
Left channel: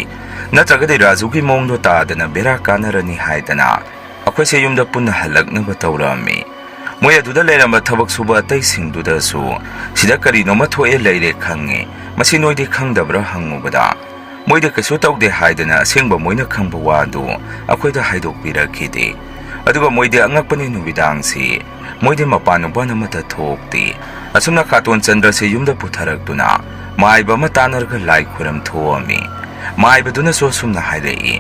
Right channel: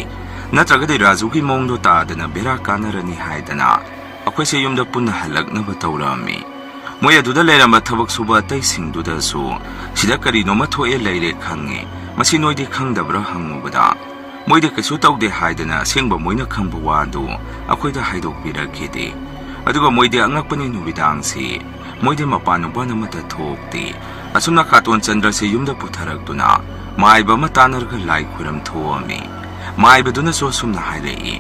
ꯅꯠꯇ꯭ꯔꯒꯗꯤ ꯔꯥꯖꯨꯒꯤ ꯃꯑꯣꯡꯗꯣ ꯇꯥꯗꯅ ꯕꯦꯔꯥ ꯀꯥꯟꯅꯔꯅꯤ ꯍꯥꯏꯗꯅ ꯑꯩꯈꯣꯏꯁꯦ ꯌꯨꯝꯗ ꯄꯨꯟꯅ ꯍꯜꯂꯛꯅꯕ ꯇꯧꯔꯝꯃꯤ ꯃꯣꯏ ꯑꯗꯨꯗ ꯂꯩꯔꯝꯕ ꯊꯕꯛ ꯁꯨꯕ ꯑꯇꯩꯁꯤꯡꯗꯨꯗꯁꯨ ꯁꯤꯗ ꯀꯔꯤꯅꯣꯃ ꯊꯣꯛꯑꯦ ꯂꯩꯔꯦ ꯈꯪꯉꯤ ꯃꯁꯤ ꯅꯣꯏꯗꯤ ꯈꯪꯗꯕ꯭ꯔꯥ ꯍꯪꯉꯨꯕꯗ ꯃꯣꯏꯗꯤ ꯀꯩꯁꯨ ꯇꯧꯗꯦ ꯍꯥꯏꯗꯅ ꯑꯁꯦꯡꯕ ꯃꯣꯏꯅ ꯈꯪꯕ ꯋꯥꯗꯨ ꯑꯩꯈꯣꯏꯗ ꯍꯥꯏꯗꯣꯛꯄꯤꯔꯛꯈꯤꯗꯦ ꯑꯗꯨꯒ ꯃꯣꯏꯗꯤ ꯑꯉꯛꯄꯅꯤ ꯅꯨꯃꯤꯗꯥꯡꯁꯤ ꯃꯣꯏꯗꯤ ꯃꯄꯥꯟ ꯅꯨꯄꯥꯟ ꯑꯃꯠꯇ ꯊꯣꯛꯇꯦ ꯑꯁꯨꯝꯅ ꯈꯥꯇꯣꯟ ꯆꯟꯗ꯭ꯔꯁꯤ ꯌꯨꯝꯗ ꯄꯨꯊꯔꯛꯇꯨꯅ ꯃꯥꯏꯕ ꯑꯃ ꯇꯥꯟꯅꯔꯒ ꯂꯥꯏ ꯈꯨꯔꯝ ꯊꯣꯛꯑꯝꯃꯤ ꯃꯥꯏꯕꯗꯨꯅꯁꯨ ꯑꯁꯨꯝꯅ ꯍꯥꯏꯔꯛꯏ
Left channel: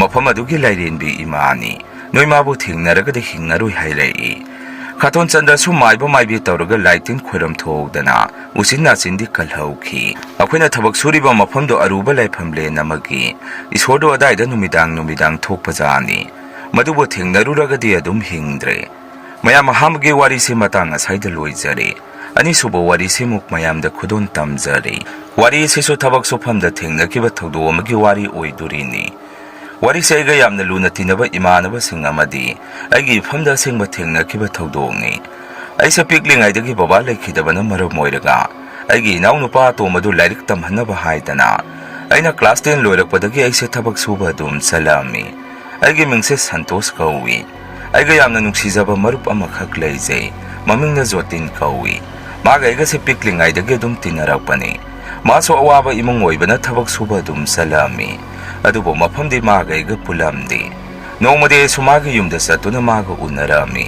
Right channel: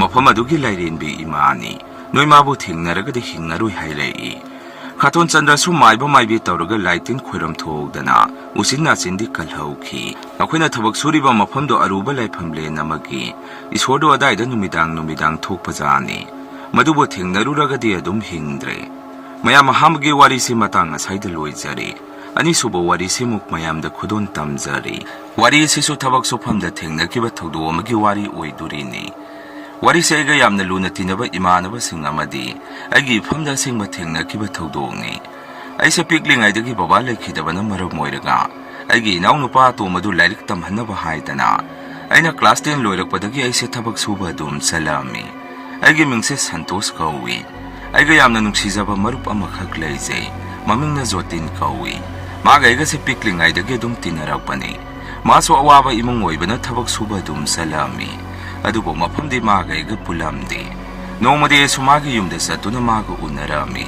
ꯃꯐꯝ ꯑꯗꯨꯒꯤ ꯂꯥꯏꯔꯦꯟꯕꯤ ꯏꯃꯥꯅꯤ ꯅꯣꯏ ꯃꯥꯕꯨ ꯊꯦꯡꯅꯔꯒꯗꯤ ꯍꯤꯡꯉꯔꯣꯏ ꯍꯥꯏꯔꯛꯏ ꯈꯥꯇꯣꯟ ꯆꯟꯗ꯭ꯔꯁꯨ ꯃꯥꯏꯕ ꯃꯥꯏꯕꯤ ꯇꯧꯔꯒ ꯂꯥꯏꯇꯤꯟ ꯈꯣꯏꯔꯝ ꯊꯣꯛꯗꯅ ꯎꯆꯤꯟ ꯅꯥꯆꯤꯟꯗꯤ ꯀꯜꯍꯧꯈꯤ ꯑꯩꯈꯣꯏꯅ ꯊꯕꯛ ꯁꯨꯔꯤꯕ ꯃꯐꯝꯗꯣ ꯑꯔꯨꯕ ꯂꯥꯏꯐꯝ ꯂꯦꯟ ꯑꯃꯒꯤ ꯏꯁꯣꯔꯗꯣ ꯑꯗꯥꯏꯗ ꯅꯨꯃꯤꯗꯥꯡ ꯊꯣꯛꯄꯖꯥꯅꯤ ꯃꯗꯨꯕꯨ ꯊꯦꯡꯅꯔꯨꯔꯒꯗꯤ ꯑꯗꯨꯝ ꯍꯤꯡꯗ꯭ꯔꯦ ꯃꯌꯥꯝ ꯑꯍꯥꯟꯕꯒꯤ ꯋꯥꯔꯤꯁꯤ ꯃꯇꯥꯡ ꯑꯁꯥꯏꯗ ꯂꯣꯏꯖꯔꯦ ꯑꯅꯤꯁꯨꯕ ꯋꯥꯔꯤꯁꯤꯃꯨꯛ ꯃꯌꯥꯝꯗ ꯈꯨꯗꯣꯟ ꯇꯝꯖꯔꯤ ꯋꯥꯔꯤ ꯑꯁꯤꯁꯨ ꯊꯕꯛ ꯁꯨꯐꯝꯗ ꯊꯦꯡꯅꯈꯤꯕ ꯊꯧꯗꯣꯛ ꯑꯃꯒꯤ ꯋꯥꯔꯤ ꯑꯣꯏꯗꯣꯔꯤꯅꯤ ꯋꯥꯔꯤꯁꯦ ꯑꯩꯒ ꯌꯥꯝꯅ ꯂꯨꯅ ꯇꯤꯟꯅꯕ ꯏꯃꯥꯟꯅꯕꯁꯤꯡ ꯑꯃꯗꯤ ꯑꯩꯒꯤ ꯏꯐꯝꯗ ꯑꯁꯦꯡꯕ ꯊꯦꯡꯅꯈꯤꯕ ꯊꯧꯗꯣꯛꯅꯤ ꯑꯩꯁꯦ ꯄꯤꯛꯂꯤꯉꯩꯗꯒꯤ ꯕꯕꯥ ꯂꯩꯈꯤꯗꯕꯅ ꯃꯔꯝ ꯑꯣꯏꯔꯒ ꯑꯩꯒꯤ ꯏꯅꯥꯎꯅꯨꯄꯥ ꯑꯇꯣꯝꯕꯗꯨ ꯂꯥꯏꯔꯤꯛ ꯇꯝꯍꯟꯅꯕ ꯍꯥꯏꯗꯅ ꯑꯩꯅ ꯀ꯭ꯂꯥꯁ 10 ꯂꯣꯏꯔꯛꯄꯗꯒꯤ ꯑꯩꯁꯦ ꯊꯕꯛ ꯁꯨꯕ ꯑꯗꯨꯝ ꯆꯠꯂꯛꯑꯝꯃꯤ ꯑꯩꯒꯤ ꯃꯤꯡꯁꯦ ꯁꯟꯇꯣꯁ ꯀꯧꯏ ꯑꯩꯒ ꯌꯥꯝꯅ ꯅꯨꯡꯁꯤꯖꯕ ꯃꯔꯨꯞ ꯑꯃꯈꯛ ꯂꯩꯖꯩ ꯃꯃꯤꯡꯅ ꯖꯣꯇꯤꯟ ꯀꯧꯏ ꯃꯥꯒ ꯑꯩꯒꯁꯦ ꯄꯤꯛꯂꯤꯉꯩꯗꯒꯤ ꯑꯗꯨꯝ ꯇꯤꯟꯅꯔꯛꯄꯅꯤ ꯃꯥꯁꯨ ꯑꯋꯥꯕ ꯏꯃꯨꯡ ꯑꯣꯏꯕꯅ ꯊꯕꯛ ꯁꯨꯕ ꯑꯗꯨꯝ ꯆꯠꯂꯛꯑꯝꯃꯤ ꯑꯗꯨꯕꯨ ꯃꯐꯝꯗꯤ ꯃꯥꯒ ꯑꯩꯒ ꯄꯨꯜꯂꯝꯗꯦ ꯅꯣꯡꯃꯗꯤ ꯑꯩꯁꯨ ꯃꯥꯒꯤ ꯌꯨꯝꯗ ꯆꯠꯇꯨꯅ ꯃꯥꯒ ꯎꯅꯔꯝꯃꯤ